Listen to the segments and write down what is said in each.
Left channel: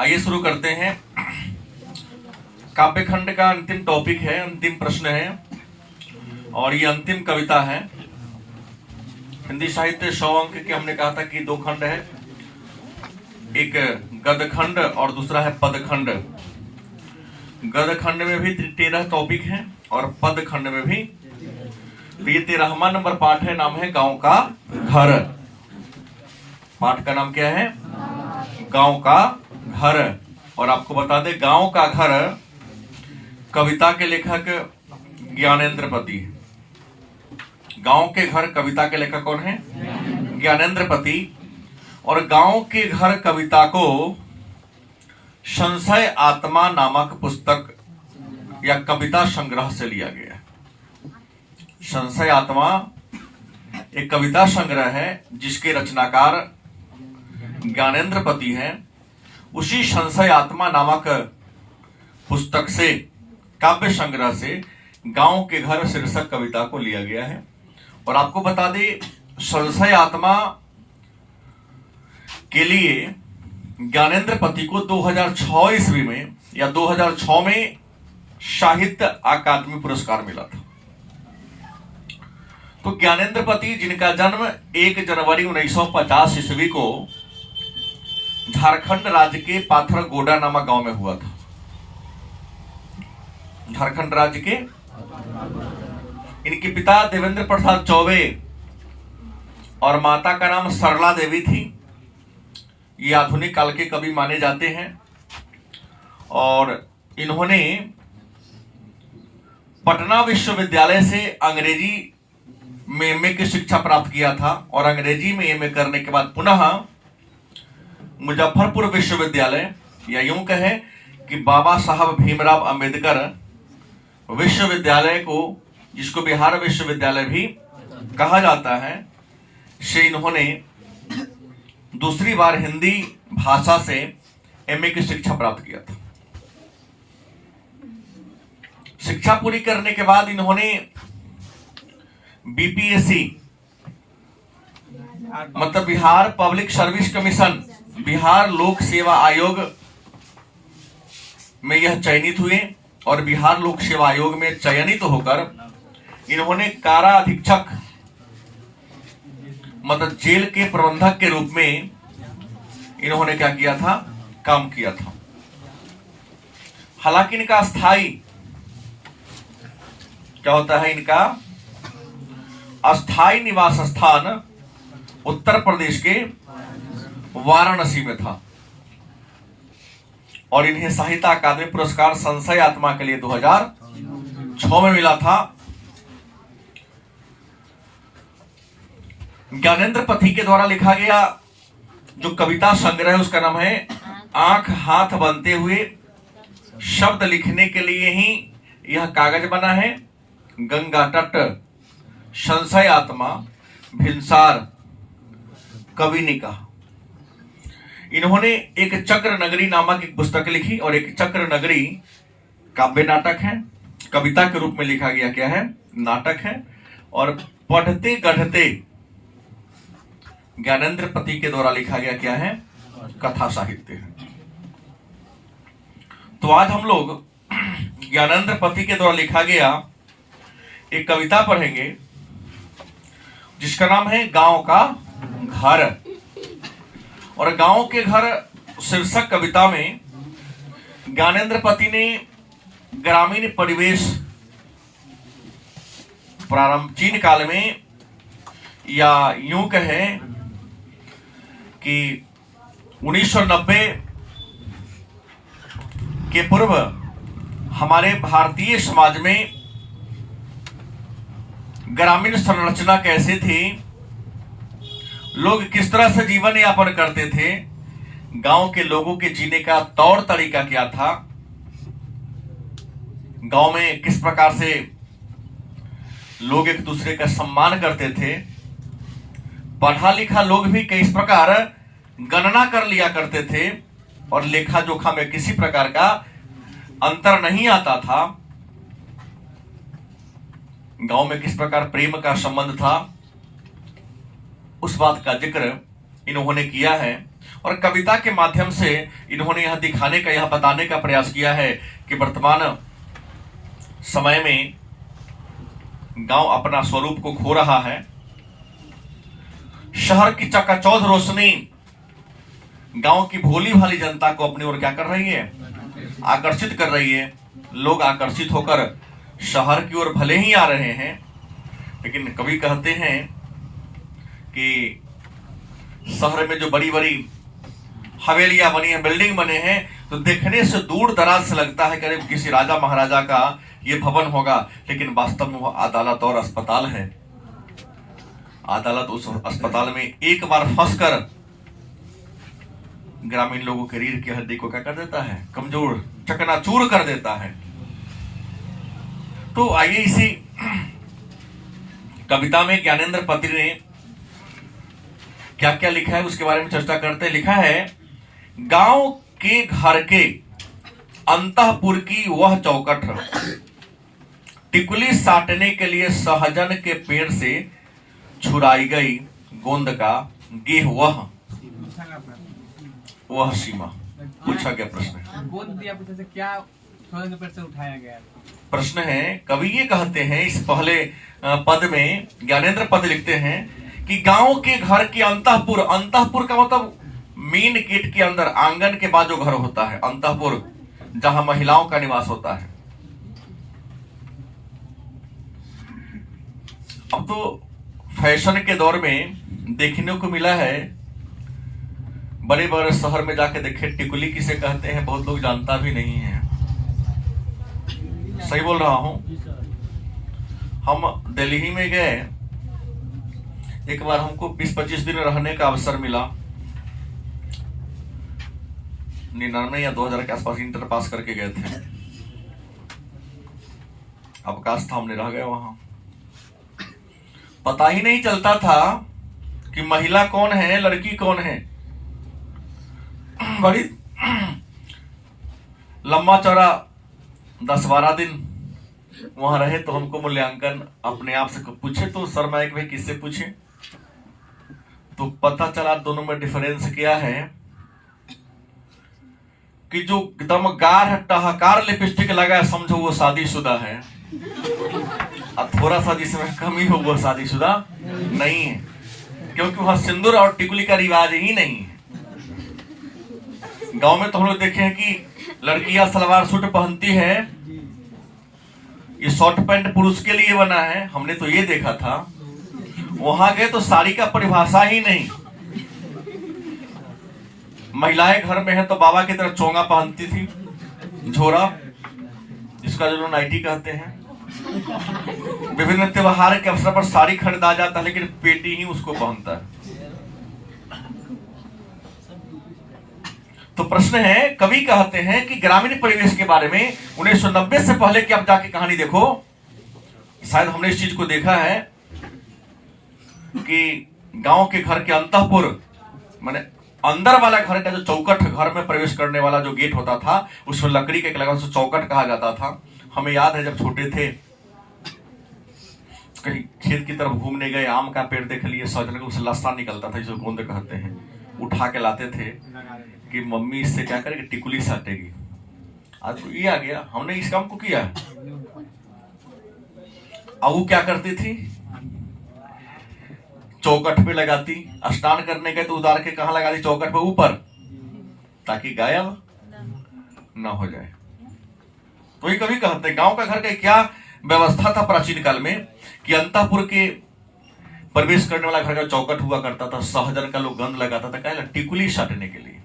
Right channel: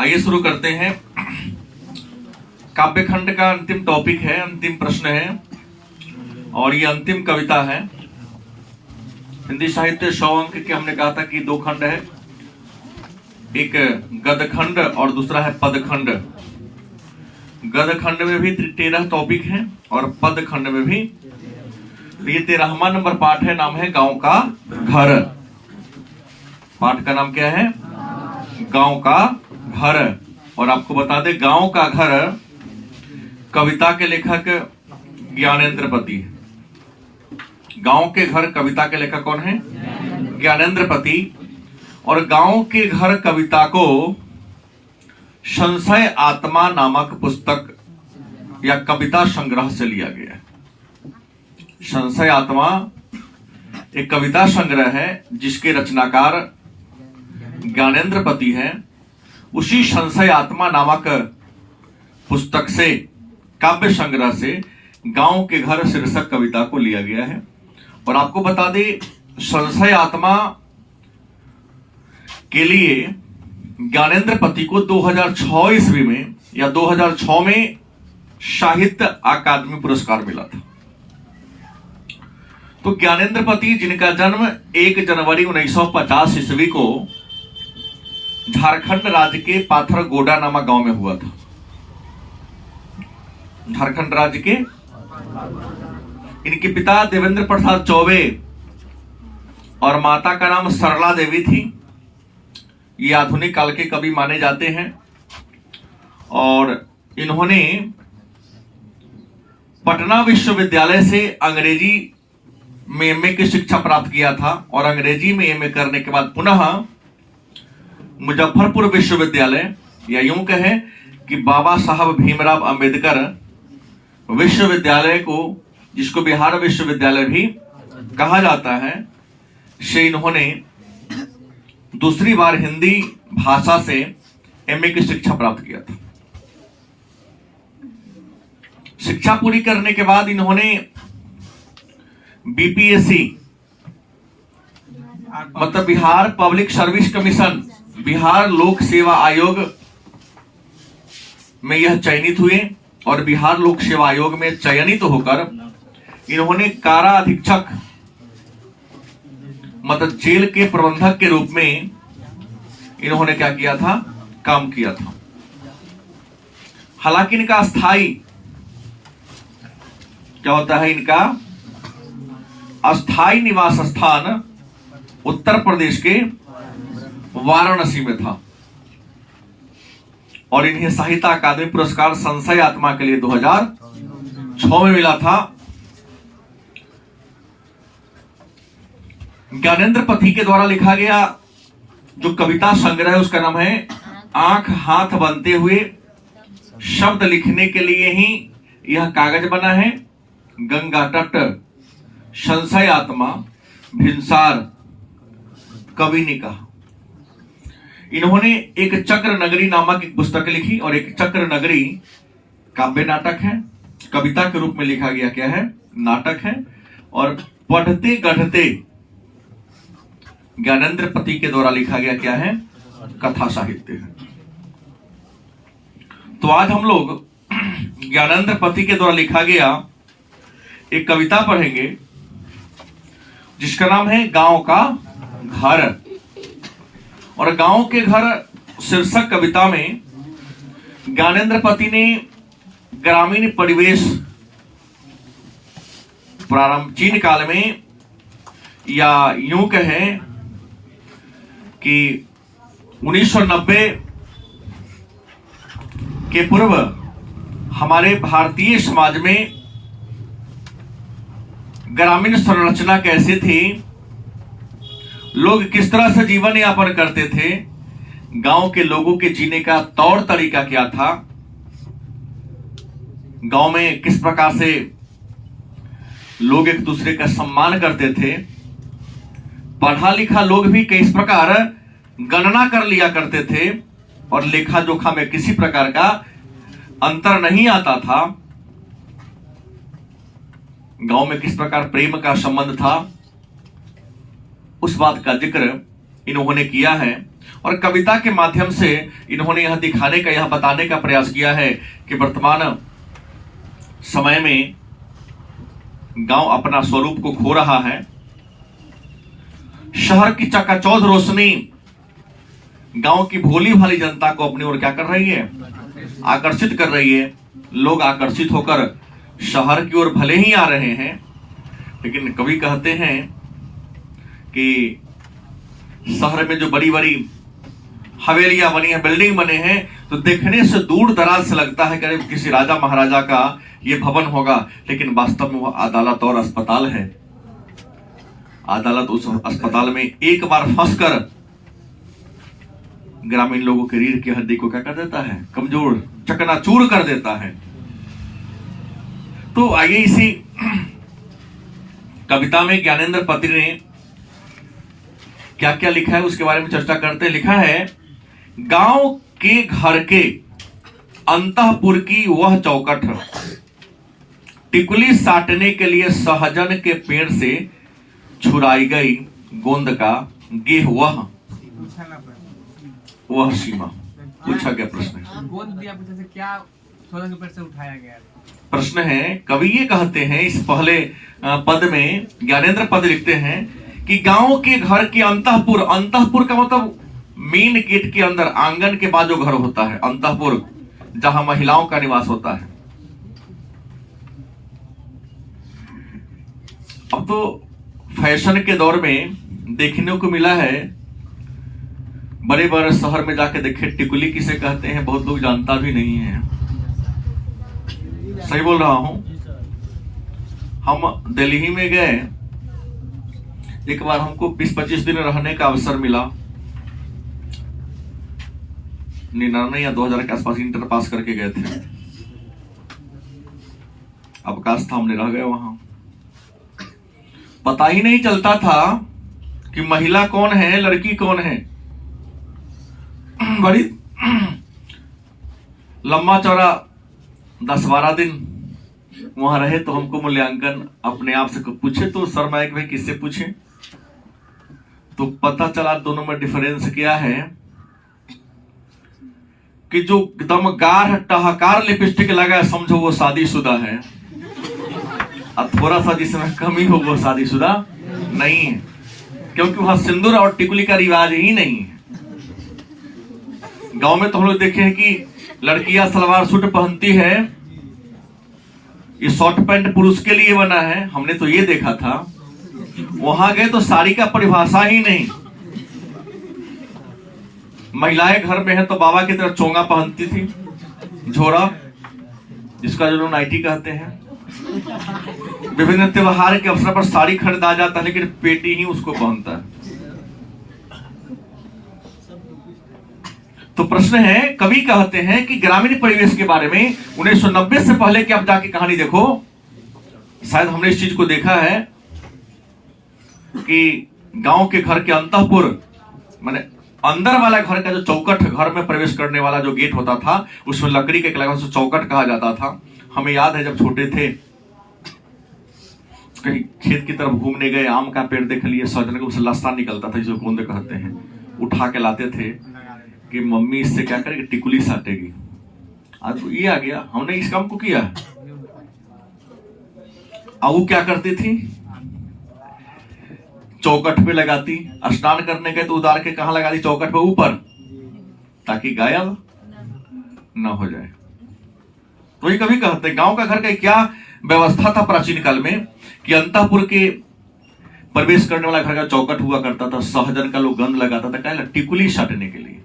आइए शुरू करते हैं। काव्यखंड का अंतिम टॉपिक है, अंतिम प्रश्न है और ये अंतिम कविता है। हिंदी साहित्य 100 अंक के हमने कहा था कि 2 खंड है, एक गद्यखंड और दूसरा है पदखंड। गद्यखंड में भी 13 टॉपिक हैं और पदखंड में भी। तो ये 13वां नंबर पाठ है, नाम है गांव का घर। पाठ का नाम क्या है? गांव का घर। और आपको बता दें, गांव का घर कविता के लेखक ज्ञानेंद्रपति। गांव के घर कविता के लेखक कौन है? ज्ञानेंद्रपति। और गांव के घर कविता को संशय आत्मा नामक पुस्तक या कविता संग्रह से लिया गया है। संशय आत्मा एक कविता संग्रह है जिसके रचनाकार ज्ञानेंद्रपति है। उसी संशय आत्मा नामक पुस्तक से, काव्य संग्रह से गांव के घर शीर्षक कविता को लिया गया है। और आपको बता दें, संशय आत्मा के लिए ज्ञानेंद्रपति को 2006 ईस्वी में या 2006 में साहित्य अकादमी पुरस्कार मिला था। तो ज्ञानेंद्रपति, जिनका जन्म 1 जनवरी 1950 ईस्वी को झारखंड राज्य के पाथरगोडा नामक गांव में हुआ था। झारखंड राज्य के, इनके पिता देवेंद्र प्रसाद चौबे और माता का नाम सरला देवी थी। ये आधुनिक काल के कवि माने जाते हैं और इन्होंने पटना विश्वविद्यालय से अंग्रेजी में एमए की शिक्षा प्राप्त किया था और अंग्रेजी में एमए करने के बाद पुनः मुजफ्फरपुर विश्वविद्यालय, या यूं कहें कि बाबा साहब भीमराव अंबेडकर विश्वविद्यालय को, जिसको बिहार विश्वविद्यालय भी कहा जाता है, से इन्होंने दूसरी बार हिंदी भाषा से एमए की शिक्षा प्राप्त किया था। शिक्षा पूरी करने के बाद इन्होंने बीपीएससी मतलब Bihar public service commission, Bihar लोक सेवा आयोग में यह चयनित हुए और बिहार लोक सेवा आयोग में चयनित होकर इन्होंने कारा अधीक्षक मतलब जेल के प्रबंधक के रूप में इन्होंने क्या किया था? काम किया था। हालांकि इनका स्थायी क्या होता है, इनका अस्थायी निवास स्थान उत्तर प्रदेश के वाराणसी में था और इन्हें साहित्य अकादमी पुरस्कार संशय आत्मा के लिए 2006 में मिला था। ज्ञानेंद्रपति के द्वारा लिखा गया जो कविता संग्रह है उसका नाम है आंख हाथ बनते हुए। शब्द लिखने के लिए ही यह कागज बना है। गंगा तट, संशय आत्मा, भिनसार, कविनिका। इन्होंने एक चक्र नगरी नामक एक पुस्तक लिखी और एक चक्र नगरी काव्य नाटक है, कविता के रूप में लिखा गया क्या है? नाटक है। और पढ़ते गढ़ते ज्ञानेंद्रपति के द्वारा लिखा गया क्या है? कथा साहित्य है। तो आज हम लोग ज्ञानेंद्रपति के द्वारा लिखा गया एक कविता पढ़ेंगे जिसका नाम है गांव का घर। और गांव के घर शीर्षक कविता में ज्ञानेंद्रपति ने ग्रामीण परिवेश प्राचीन काल में, या यूं कहें कि 1990 के पूर्व हमारे भारतीय समाज में ग्रामीण संरचना कैसे थी, लोग किस तरह से जीवन यापन करते थे, गांव के लोगों के जीने का तौर तरीका क्या था, गांव में किस प्रकार से लोग एक दूसरे का सम्मान करते थे, पढ़ा लिखा लोग भी किस प्रकार गणना कर लिया करते थे और लेखा जोखा में किसी प्रकार का अंतर नहीं आता था, गांव में किस प्रकार प्रेम का संबंध था, उस बात का जिक्र इन्होंने किया है। और कविता के माध्यम से इन्होंने यह दिखाने का, यह बताने का प्रयास किया है कि वर्तमान समय में गांव अपना स्वरूप को खो रहा है। शहर की चकाचौंध रोशनी गांव की भोली भाली जनता को अपनी ओर क्या कर रही है, आकर्षित कर रही है। लोग आकर्षित होकर शहर की ओर भले ही आ रहे हैं, लेकिन कवि कहते हैं कि शहर में जो बड़ी बड़ी हवेलियां बनी है, बिल्डिंग बने हैं, तो देखने से दूर दराज से लगता है कि किसी राजा महाराजा का ये भवन होगा, लेकिन वास्तव में वह अदालत और अस्पताल है। अदालत उस अस्पताल में एक बार फंसकर ग्रामीण लोगों के रीढ़ की हड्डी को क्या कर देता है, कमजोर, चकनाचूर कर देता है। तो आइए इसी कविता में ज्ञानेंद्र पति ने क्या क्या लिखा है उसके बारे में चर्चा करते हैं। लिखा है, गांव के घर के अंतःपुर की वह चौकट टिकुली साटने के लिए सहजन के पेड़ से छुड़ाई गई गोंद का गेह वह सीमा। पूछा क्या प्रश्न है? गोंद दिया पूछा से क्या सहजन के पेड़ से उठाया गया? प्रश्न है, कवि ये कहते हैं इस पहले पद में, ज्ञानेंद्र पद लिखते हैं कि गांव के घर के अंतःपुर, अंतःपुर का मतलब मेन गेट के अंदर, आंगन के बाद जो घर होता है, अंतःपुर जहां महिलाओं का निवास होता है। अब तो फैशन के दौर में देखने को मिला है, बड़े बड़े शहर में जाके देखे टिकुली किसे कहते हैं बहुत लोग जानता भी नहीं है। सही बोल रहा हूं? हम दिल्ली में गए, एक बार हमको 20-25 दिन रहने का अवसर मिला। 99 या 2000 के आसपास इंटर पास करके गए थे। अवकाश था, हमने रह गए वहां। पता ही नहीं चलता था कि महिला कौन है, लड़की कौन है। बड़ी लंबा चौड़ा 10-12 दिन वहां रहे, तो हमको मूल्यांकन अपने आप से पूछे, तो शर्मा एक भाई किससे पूछे, तो पता चला दोनों में डिफरेंस क्या है कि जो एकदम गाढ़ टहकार लिपस्टिक लगा समझो वो शादीशुदा है, और थोड़ा सा जिसमें कमी हो वो शादीशुदा नहीं है, क्योंकि वहां सिंदूर और टिकुली का रिवाज ही नहीं है। गांव में तो हम लोग देखे हैं कि लड़कियां सलवार सूट पहनती है, ये शॉर्ट पैंट पुरुष के लिए बना है, हमने तो ये देखा था। वहां गए तो साड़ी का परिभाषा ही नहीं। महिलाएं घर में है तो बाबा की तरह चोंगा पहनती थी, झोरा, जिसका जो नाइटी कहते हैं। विभिन्न त्योहार के अवसर पर साड़ी खरीदा जाता है, लेकिन पेटी ही उसको पहनता है। तो प्रश्न है, कवि कहते हैं कि ग्रामीण परिवेश के बारे में 1990 से पहले की आप जाके कहानी देखो, शायद हमने इस चीज को देखा है कि गांव के घर के अंतःपुर, माने अंदर वाला घर का जो चौकट, घर में प्रवेश करने वाला जो गेट होता था, उसमें लकड़ी के लगा, उसे चौकट कहा जाता था। हमें याद है जब छोटे थे, कहीं खेत की तरफ घूमने गए, आम का पेड़ देख लिए, सजन का उससे लस्सा निकलता था, जिसे गोंद कहते हैं, उठा के लाते थे कि मम्मी इससे क्या करेगी, टिकुली साटेगी। आज ये आ गया, हमने इस काम को किया। अब वो क्या करती थी, चौकट पे लगाती, स्नान करने गए तो उतार के कहां लगा दी, चौकट पे ऊपर, ताकि गायब ना हो जाए। तो ये कभी कहते हैं गांव का घर का क्या व्यवस्था था प्राचीन काल में कि अंतःपुर के प्रवेश करने वाला घर का चौकट हुआ करता था, सहजन का लोग गंध लगाता था, क्या, टिकुली साटने के लिए।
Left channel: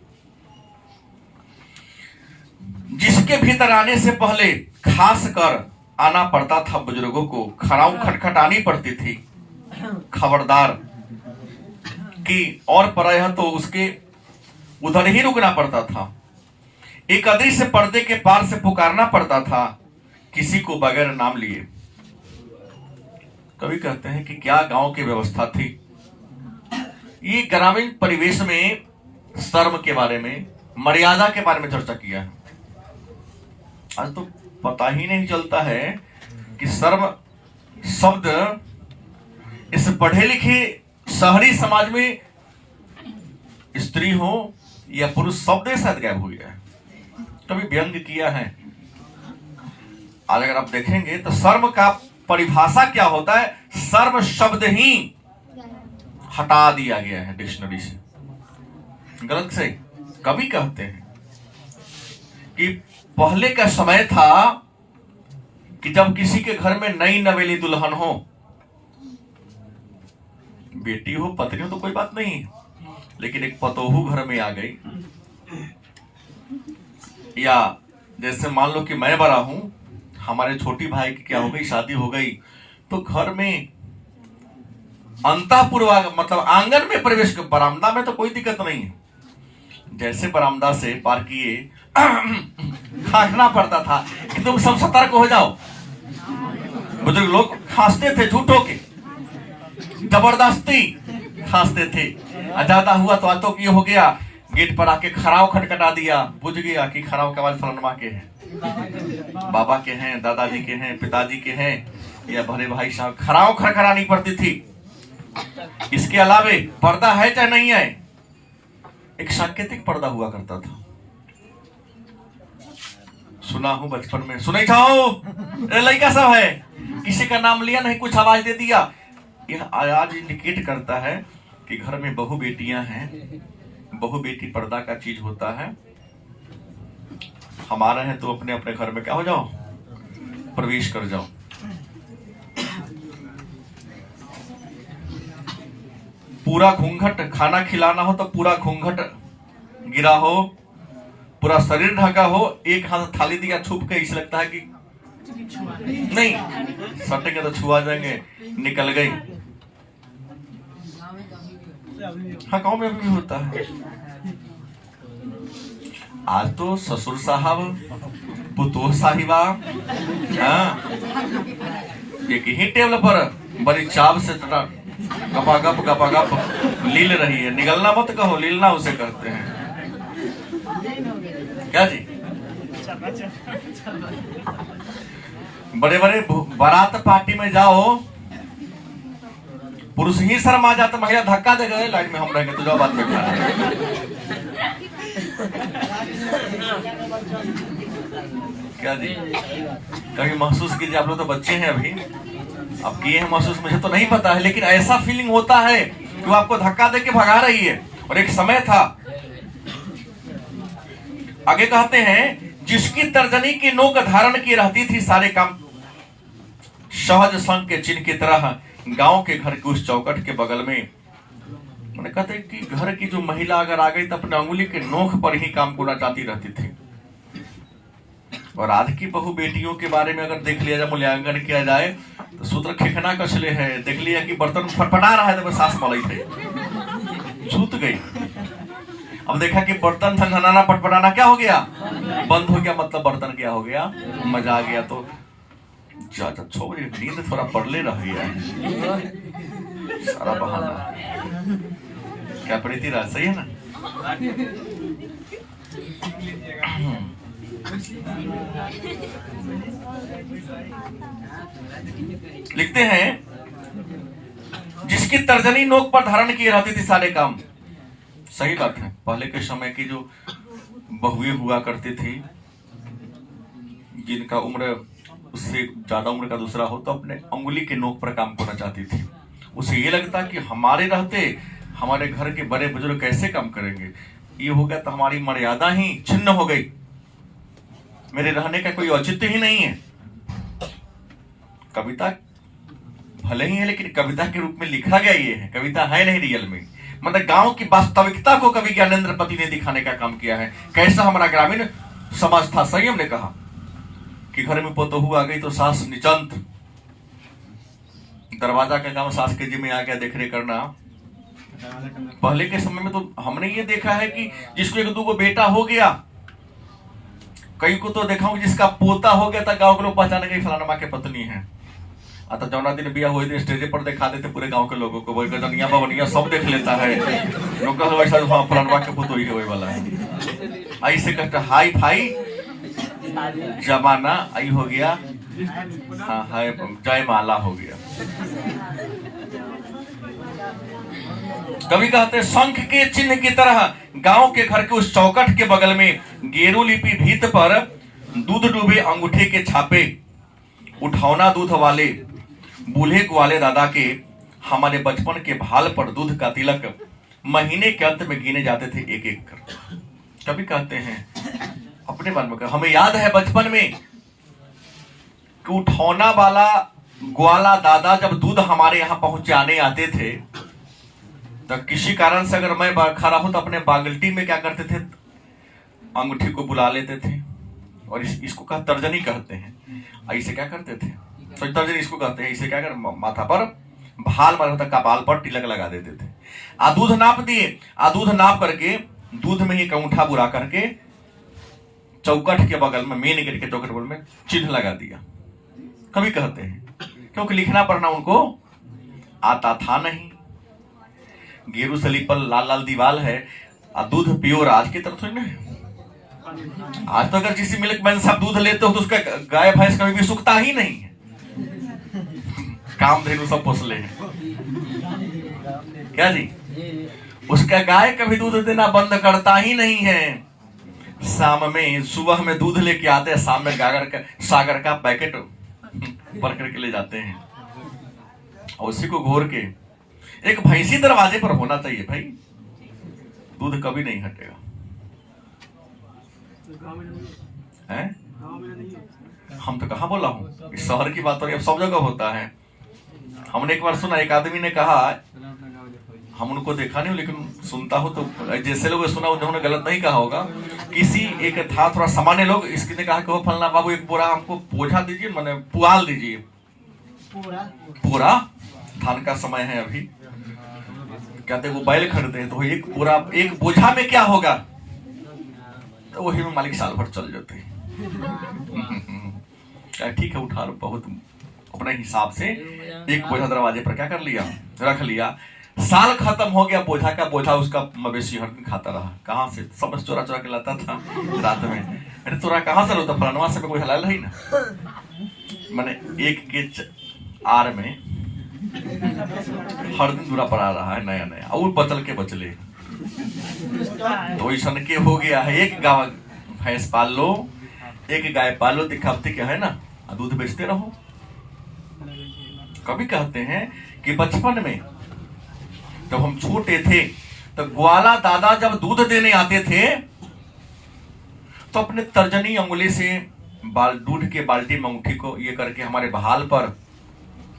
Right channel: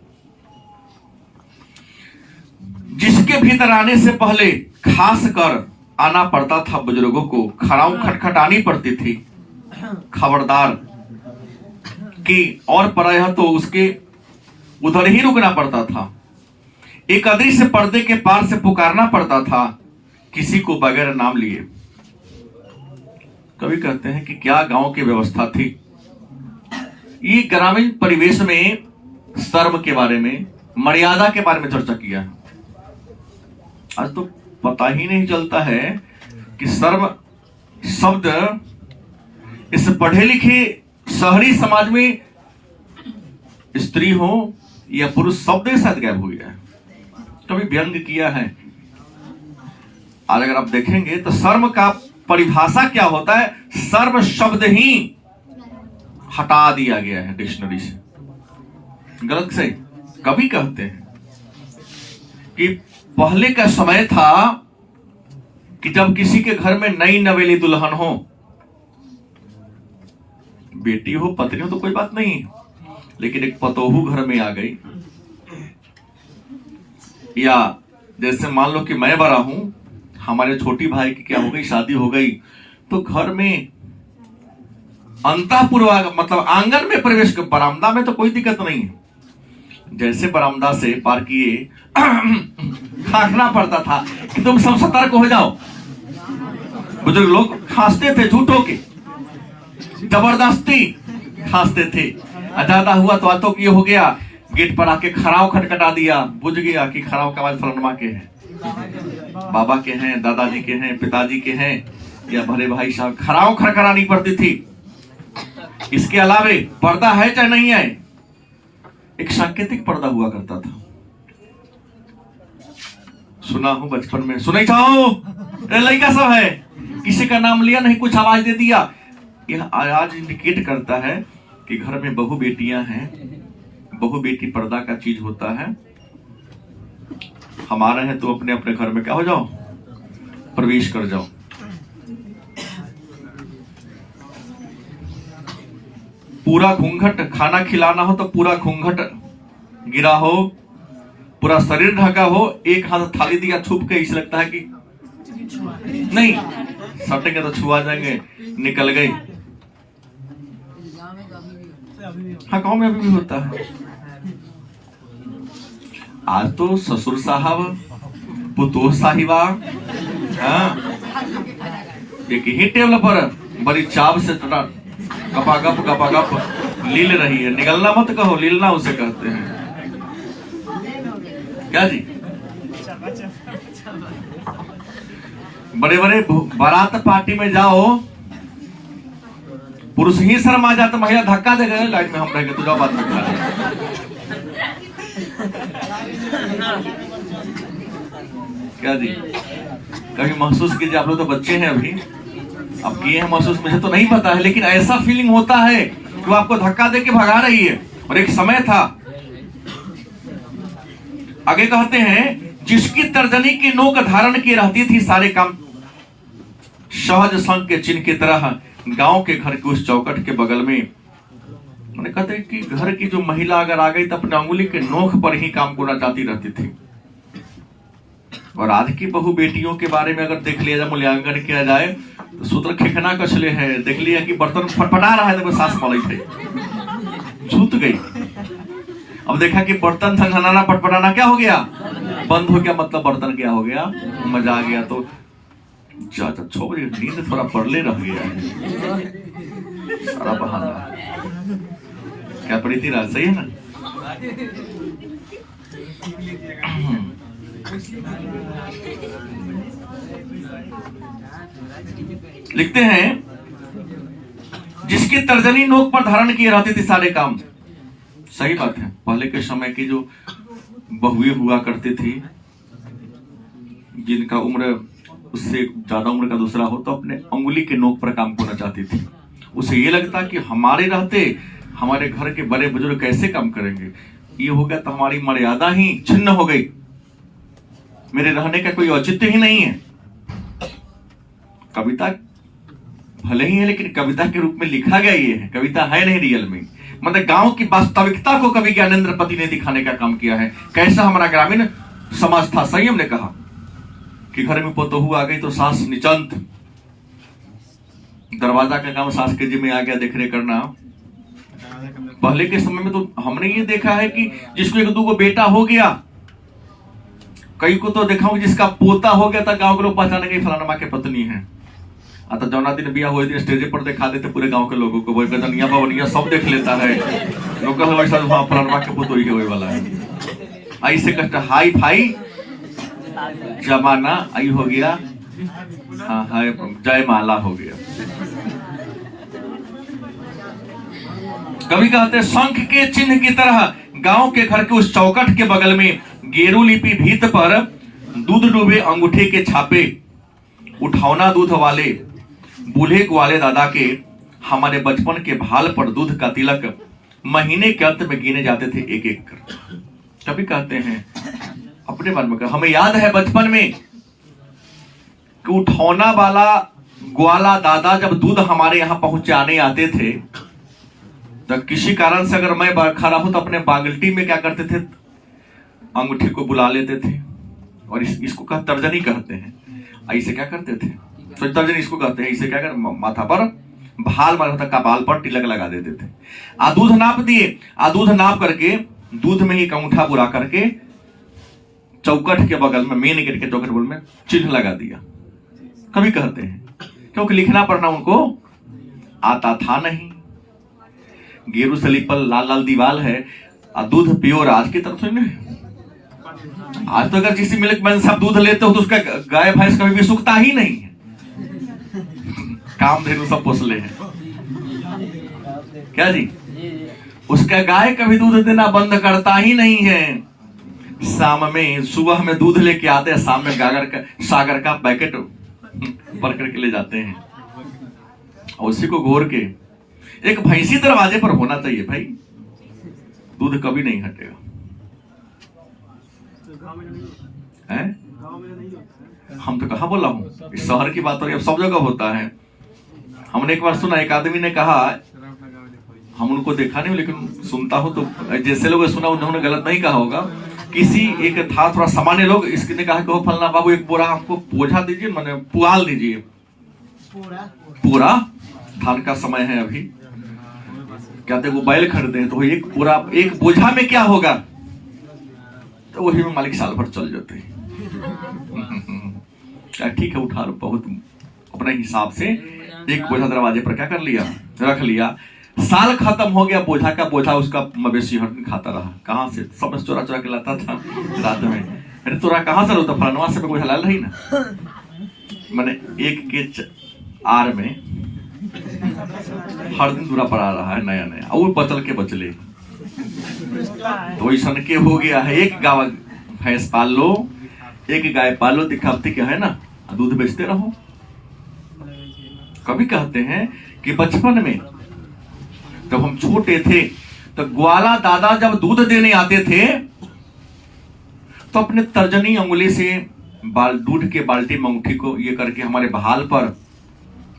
जिसके भीतर आने से पहले खास कर आना पड़ता था बुजुर्गों को, खड़ाऊ खटखटानी पड़ती थी, खबरदार कि, और प्रायः तो उसके उधर ही रुकना पड़ता था। एक अदृश्य पर्दे के पार से पुकारना पड़ता था, किसी को बगैर नाम लिए। कवि कहते हैं कि क्या गांव की व्यवस्था थी। ये ग्रामीण परिवेश में शर्म के बारे में, मर्यादा के बारे में चर्चा किया है। आज तो पता ही नहीं चलता है कि शर्म शब्द इस पढ़े लिखे शहरी समाज में स्त्री हो या पुरुष, शब्द ही शायद गायब हो गया है। कभी व्यंग किया है। और अगर आप देखेंगे तो शर्म का परिभाषा क्या होता है, शर्म शब्द ही हटा दिया गया है डिक्शनरी से, गलत से। कभी कहते हैं कि पहले का समय था कि जब किसी के घर में नई नवेली दुल्हन हो, बेटी हो पत्नी हो तो कोई बात नहीं है, लेकिन एक पतोहू घर में आ गई, या जैसे मान लो कि मैं बड़ा हूं, हमारे छोटी भाई की क्या हो गई, शादी हो गई, तो घर में अंतःपुर मतलब आंगन में प्रवेश कर, बरामदा में तो कोई दिक्कत नहीं है, जैसे बरामदा से पार किए खांसना पड़ता था कि तुम सब सतर्क हो जाओ। बुजुर्ग लोग खांसते थे झूठों के, जबरदस्ती खांसते थे। ज्यादा हुआ तो ये हो गया, गेट पर आके खड़ाव खटखटा दिया, बुझ गया कि खड़ाव का आवाज फलनमा के हैं, बाबा के हैं, दादाजी के हैं, पिताजी के हैं, या भले भाई साहब। खड़ाव खड़खड़ानी पड़ती थी। इसके अलावे पर्दा है चाहे नहीं है, एक सांकेतिक पर्दा हुआ करता था। सुना हूं बचपन में, सुनाई चाहो लड़का सब है, किसी का नाम लिया नहीं, कुछ आवाज दे दिया। यह आज इंडिकेट करता है कि घर में बहु बेटियां हैं। बहु बेटी पर्दा का चीज होता है। हमारे हैं तो अपने अपने घर में क्या हो जाओ, प्रवेश कर जाओ। पूरा घूंघट, खाना खिलाना हो तो पूरा घूंघट गिरा हो, पूरा शरीर ढका हो, एक हाथ थाली दिया छुप के, इसे लगता है कि नहीं सटेंगे तो छुआ जाएंगे, निकल गए। हाँ, गांव में भी होता है। आज तो ससुर साहब, पुतोह साहिबा, एक ही टेबल पर बड़ी चाव से गपागप लील रही है। निगलना मत कहो, लीलना उसे कहते हैं। क्या जी, बड़े बड़े बारात पार्टी में जाओ, पुरुष ही शर्मा जाता, महिला धक्का देगा, लाइट में हम रहेंगे तो जाओ बात में। क्या जी, कभी महसूस कीजिए, आप लोग तो बच्चे हैं अभी, अब किए हैं महसूस, मुझे तो नहीं पता है, लेकिन ऐसा फीलिंग होता है कि वो आपको धक्का देके भगा रही है। और एक समय था, आगे कहते हैं, जिसकी तर्जनी की नोक धारण की रहती थी, सारे काम सहज संग के चिन्ह की तरह गांव के घर के उस चौकट के बगल में। मैंने कहते कि घर की जो महिला अगर आ गई तो अपने अंगुली के नोक पर ही काम करना चाहती रहती थी। और आज की बहु बेटियों के बारे में अगर देख लिया जाए, मूल्यांकन किया जाए, तो सूत्र खेखना कसले है, देख लिया कि बर्तन फटफटा रहा है तो सास मलई थे, छूट गई। अब देखा कि बर्तन थनथनाना पटपटाना क्या हो गया, बंद हो गया, मतलब बर्तन क्या हो गया, मजा आ गया। तो 6 बजे नींद थोड़ा पड़ले रह गया है, सारा बहाना है। क्या पड़ी थी रात, सही है ना? लिखते हैं, जिसकी तर्जनी नोक पर धारण किए रहती थी सारे काम। सही बात है, पहले के समय की जो बहुएं हुआ करती थी, जिनका उम्र उससे ज्यादा उम्र का दूसरा हो, तो अपने अंगुली के नोक पर काम करना चाहती थी। उसे ये लगता कि हमारे रहते हमारे घर के बड़े बुजुर्ग कैसे काम करेंगे, ये हो गया तो हमारी मर्यादा ही छिन्न हो गई, मेरे रहने का कोई औचित्य ही नहीं है। कविता भले ही है, लेकिन कविता के रूप में लिखा गया ये है, कविता है नहीं रियल में। मतलब गांव की वास्तविकता को कवि ज्ञानेंद्र पति ने दिखाने का काम किया है। कैसा हमारा ग्रामीण समाज था। सही हमने कहा कि घर में पतोहू आ गई तो सास निचंत, दरवाजा का काम सास के जिम्मे आ गया देखने करना। पहले के समय में तो हमने ये देखा है कि जिसको 1-2 बेटा हो गया, कई को तो देखा हूं जिसका पोता हो गया था, गांव के लोग पहचाने के फलाना माँ के पत्नी है। आता जौना दिन बिया हुए दिन स्टेज पर दिखा देते पूरे गांव के लोगों को, वो गजनिया बवनिया सब देख लेता है, लोग ऐसा फलाना के पुत ही होने वाला है। ऐसे कहते हाई फाई जमाना आई हो गया, हाँ है जयमाला हो गया। कवि कहते शंख के चिन्ह की तरह गांव के घर के उस चौकट के बगल में गेरू लिपि भीत पर दूध डूबे अंगूठे के छापे, उठौना दूध वाले बूढ़े ग्वाले दादा के हमारे बचपन के भाल पर दूध का तिलक महीने के अंत में गिने जाते थे एक एक कर। कभी कहते हैं अपने बारे में, हमें याद है बचपन में कि उठौना वाला ग्वाला दादा जब दूध हमारे यहाँ पहुंचाने आते थे तो किसी कारण से अगर मैं खड़ा हूं तो अपने बागल्टी में क्या करते थे, अंगूठी को बुला लेते थे और इसको कहा तर्जनी कहते हैं। ऐसे क्या करते थे, तो तर्जनी इसको कहते हैं। इसे क्या कर माथा पर भाल मारा, कपाल पर तिलक लगा देते थे। दूध नाप दिए, दूध नाप करके दूध में ही अंगूठा बुला करके चौकट के बगल में, मेन गेट के चौकट बगल में चिन्ह लगा दिया। कभी कहते हैं क्योंकि लिखना पढ़ना उनको आता था नहीं। गेरू से लिपल लाल लाल दीवाल है, दूध प्योर आज की तरफ सुन। आज तो अगर किसी मिल्क मैन साहब दूध लेते हो तो उसका गाय भैंस कभी भी सूखता ही नहीं है। कामधेनु सब पोसले हैं क्या जी, उसका गाय कभी दूध देना बंद करता ही नहीं है। शाम में सुबह में दूध लेके आते हैं, शाम में सागर का पैकेट भर करके ले जाते हैं और उसी को घोर के एक भैंसी दरवाजे पर होना चाहिए भाई, दूध कभी नहीं हटेगा। है? हम तो कहाँ बोला हूँ, इस शहर की बात हो रही है, अब सब जगह होता है। हमने एक बार सुना, एक आदमी ने कहा, हम उनको देखा नहीं लेकिन सुनता हो तो जैसे लोग सुना उन्होंने गलत नहीं कहा होगा। किसी एक था थोड़ा सामान्य लोग, इसके ने कहा कि फलना बाबू एक बोरा हमको बोझा दीजिए, मैंने पुआल दीजिए। पूरा धान का समय है अभी, कहते वो बैल खरीदे हैं तो एक पूरा एक बोझा में क्या होगा, तो वही में मालिक साल भर चल जाते हैं। ठीक है उठा लो, बहुत अपने हिसाब से एक बोझा दरवाजे पर क्या कर लिया, रख लिया। साल खत्म हो गया, बोझा का बोझा उसका मवेशी हर दिन खाता रहा। कहाँ से सब चोरा चोरा के लाता था रात में। अरे तोरा कहाँ से रोता, फलनवा से बोझा लाल रही ना। मैंने एक के आर में हर दिन दूरा पड़ा रहा है नया नया, और बचल के बचले तो ऐसा के हो गया है। एक गाँव भैंस पाल लो, एक गाय पाल लो, दिखावती क्या है ना, दूध बेचते रहो। कभी कहते हैं कि बचपन में जब हम छोटे थे तो ग्वाला दादा जब दूध देने आते थे तो अपने तर्जनी अंगुली से दूध के बाल्टी में अंगूठी को ये करके हमारे भाल पर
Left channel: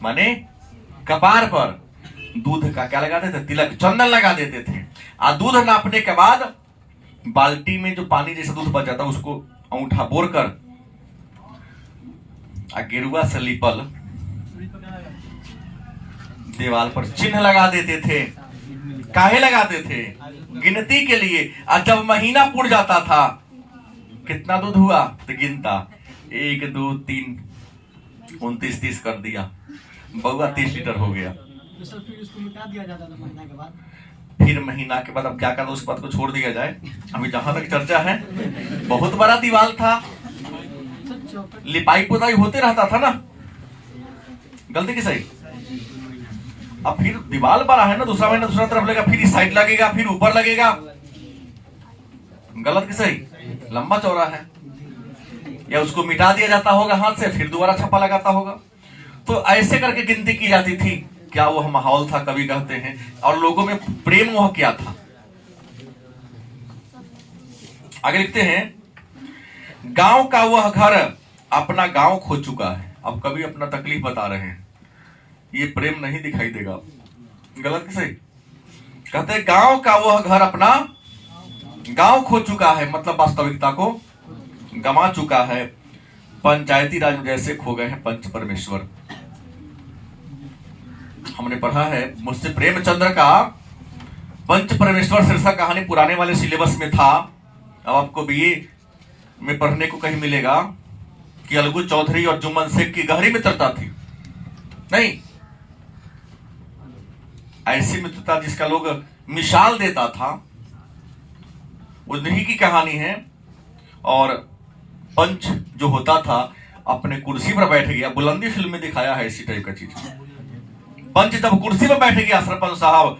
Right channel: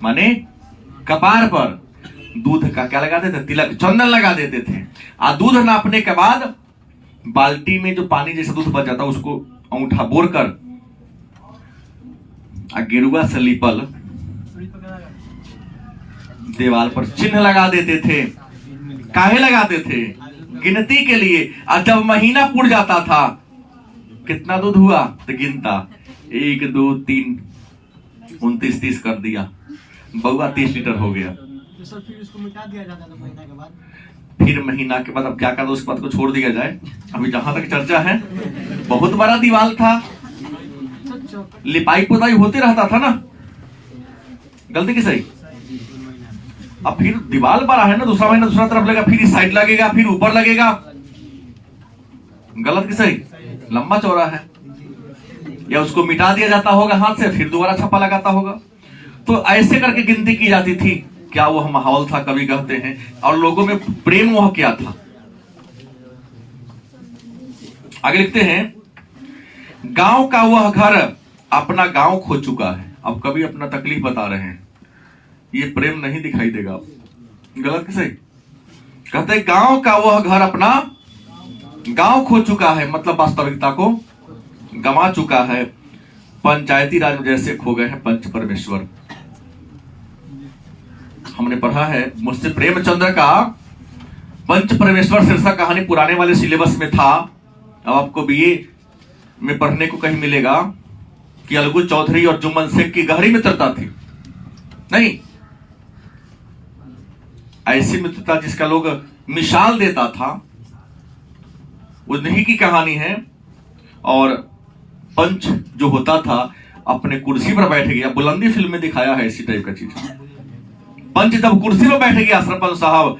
माने कपार पर दूध का क्या लगाते थे, तिलक चंदन लगा देते थे। दूध नापने के बाद बाल्टी में जो पानी जैसे दूध बच जाता उसको अंगूठा बोर कर गेरुआ से लिपल दीवार पर चिन्ह लगा देते थे। काहे लगाते थे, गिनती के लिए। और जब महीना पूर्ण जाता था, कितना दूध हुआ तो गिनता, 1 2 3 29 30 कर दिया, बउआ 30 लीटर हो गया। तो सर फिर उसको मिटा दिया जाता था महीना के बाद। फिर महीना के बाद अब क्या कर दो, उस बात को छोड़ दिया जाए। अभी जहां तक चर्चा है, बहुत बड़ा दीवार था, लिपाई पुताई होते रहता था ना, गलती की सही। अब फिर दीवार बड़ा है ना, दूसरा महीना दूसरा तरफ लगेगा, फिर इस साइड लगेगा, फिर ऊपर लगेगा, गलत की सही, लंबा चौड़ा है। या उसको मिटा दिया जाता होगा हाथ से, फिर दोबारा छप्पा लगाता होगा। तो ऐसे करके गिनती की जाती थी। क्या वो माहौल था, कवि कहते हैं। और लोगों में प्रेम मोह क्या था। आगे लिखते हैं, गांव का वह घर अपना गांव खो चुका है। अब कवि अपना तकलीफ बता रहे हैं, ये प्रेम नहीं दिखाई देगा, गलत सही। कहते गांव का वह घर अपना गांव खो चुका है, मतलब वास्तविकता को गंवा चुका है। पंचायती राज जैसे खो गए हैं पंच परमेश्वर। हमने पढ़ा है मुंशी प्रेमचंद्र का पंच परमेश्वर शीर्षक कहानी पुराने वाले सिलेबस में था। अब आपको बीए में पढ़ने को कहीं मिलेगा कि अलगू चौधरी और जुम्मन शेख की गहरी मित्रता थी। नहीं, ऐसी मित्रता जिसका लोग मिसाल देता था, उन्हीं की कहानी है। और पंच जो होता था अपने कुर्सी पर बैठ गया, बुलंदी फिल्म में दिखाया है इसी टाइप का चीज। पंच जब कुर्सी पर बैठ गया सरपंच साहब,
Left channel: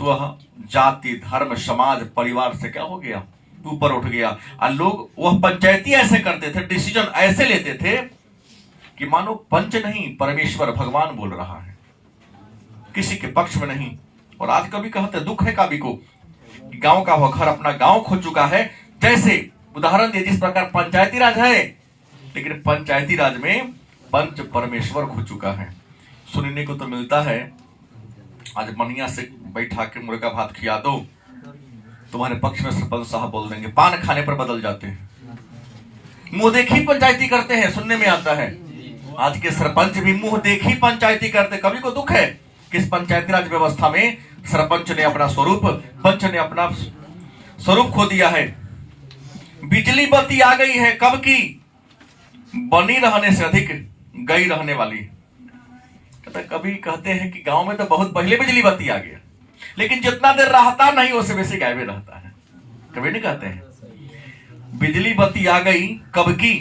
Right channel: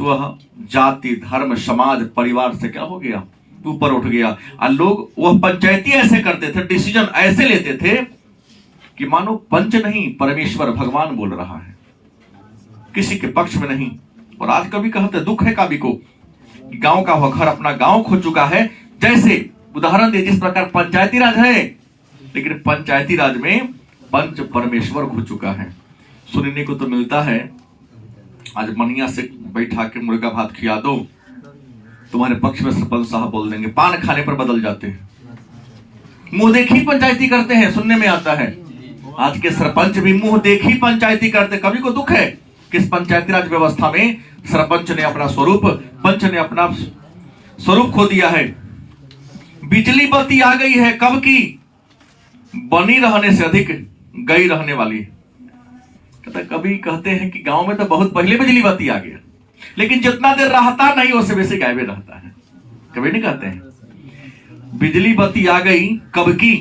तो वह जाति, धर्म, समाज, परिवार से क्या हो गया, ऊपर उठ गया। और लोग वह पंचायती ऐसे करते थे, डिसीजन ऐसे लेते थे कि मानो पंच नहीं, परमेश्वर भगवान बोल रहा है, किसी के पक्ष में नहीं। और आज कभी कहते दुख है कभी को, गांव का वह घर अपना गांव खो चुका है। जैसे उदाहरण दे, जिस प्रकार पंचायती राज है, लेकिन पंचायती राज में पंच परमेश्वर खो चुका है। सुनने को तो मिलता है, आज मनिया से बैठा के मुर्गा भात खिला दो, तुम्हारे पक्ष में सरपंच साहब बोल देंगे, पान खाने पर बदल जाते हैं, मुंह देखी पंचायती करते हैं, सुनने में आता है। आज के सरपंच भी मुंह देखी पंचायती करते। कभी को दुख है कि इस पंचायती राज व्यवस्था में सरपंच ने अपना स्वरूप, पंच ने अपना स्वरूप खो दिया है। बिजली बत्ती आ गई है, कब की, बनी रहने से अधिक गई रहने वाली। कभी कहते हैं कि गांव में तो बहुत पहले बिजली बत्ती आ गया, लेकिन जितना देर रहता नहीं उससे वैसे गायबे रहता है। कभी नहीं कहते हैं बिजली बत्ती आ गई कब की,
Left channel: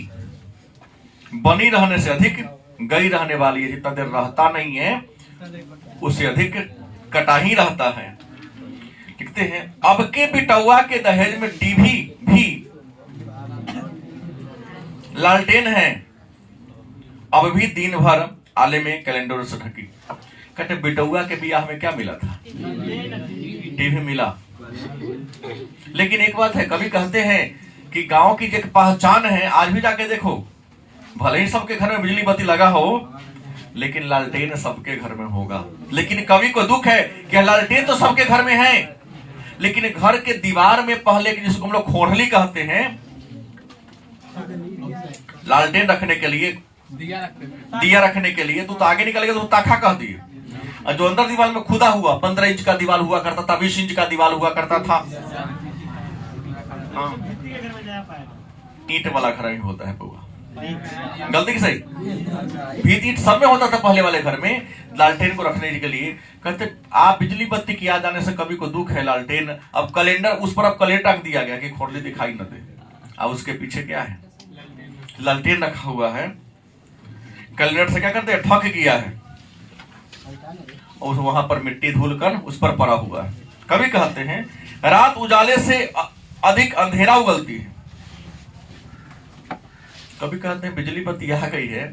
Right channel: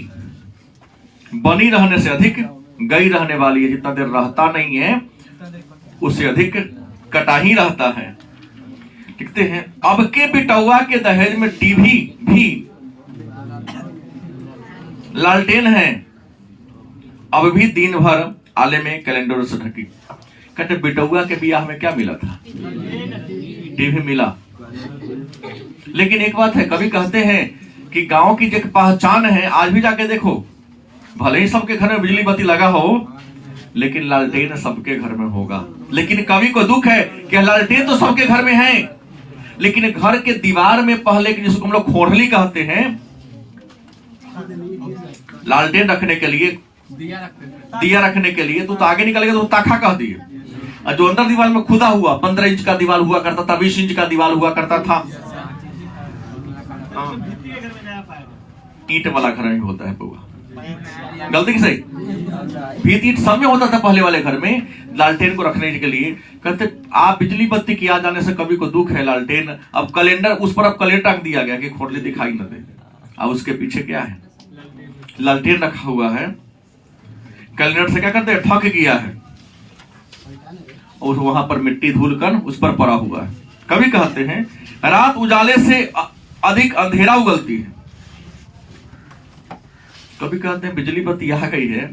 बनी रहने से अधिक गई रहने वाली है। जितना देर रहता नहीं है उससे अधिक कटा ही रहता है। लिखते हैं अब के बिटौआ के दहेज में टीवी भी लालटेन है, अब भी दिन भर आले में कैलेंडर से ढकी। कहते बिटौआ के ब्याह में क्या मिला था, टीवी मिला। लेकिन एक बात है, कभी कहते हैं कि गांव की जो पहचान है, आज भी जाके देखो, भले ही सबके घर में बिजली बत्ती लगा हो, लेकिन लालटेन सबके घर में होगा। लेकिन कवि को दुख है कि लालटेन तो सबके घर में है, लेकिन घर के दीवार में पहले की, जिसको हम लोग खोरली कहते हैं, लालटेन रखने के लिए, दिया रखने के लिए, तो आगे निकल गया तो ताखा कह दिए। और जो अंदर दीवार में खुदा हुआ, 15 इंच का दीवार हुआ करता था, 20 इंच का दीवार हुआ करता था। ईंट वाला घर में होता है बउआ, गलती की सही, भीत ईंट सब में होता था पहले वाले घर में। लालटेन को रखने के लिए कहते, आप बिजली बत्ती की याद आने से कभी को दुख है, लालटेन अब कैलेंडर, उस पर अब कैलेंडर रख दिया गया कि खोरली दिखाई न दे। और उसके पीछे क्या है, लालटेन रखा हुआ है। कैलेंडर से क्या करते हैं, ठक किया है, और वहां पर मिट्टी धूल कर उस पर पड़ा हुआ है। कभी कहते हैं रात उजाले से अधिक अंधेरा उगलती है। कभी कहते हैं बिजली बत्ती आ गई है,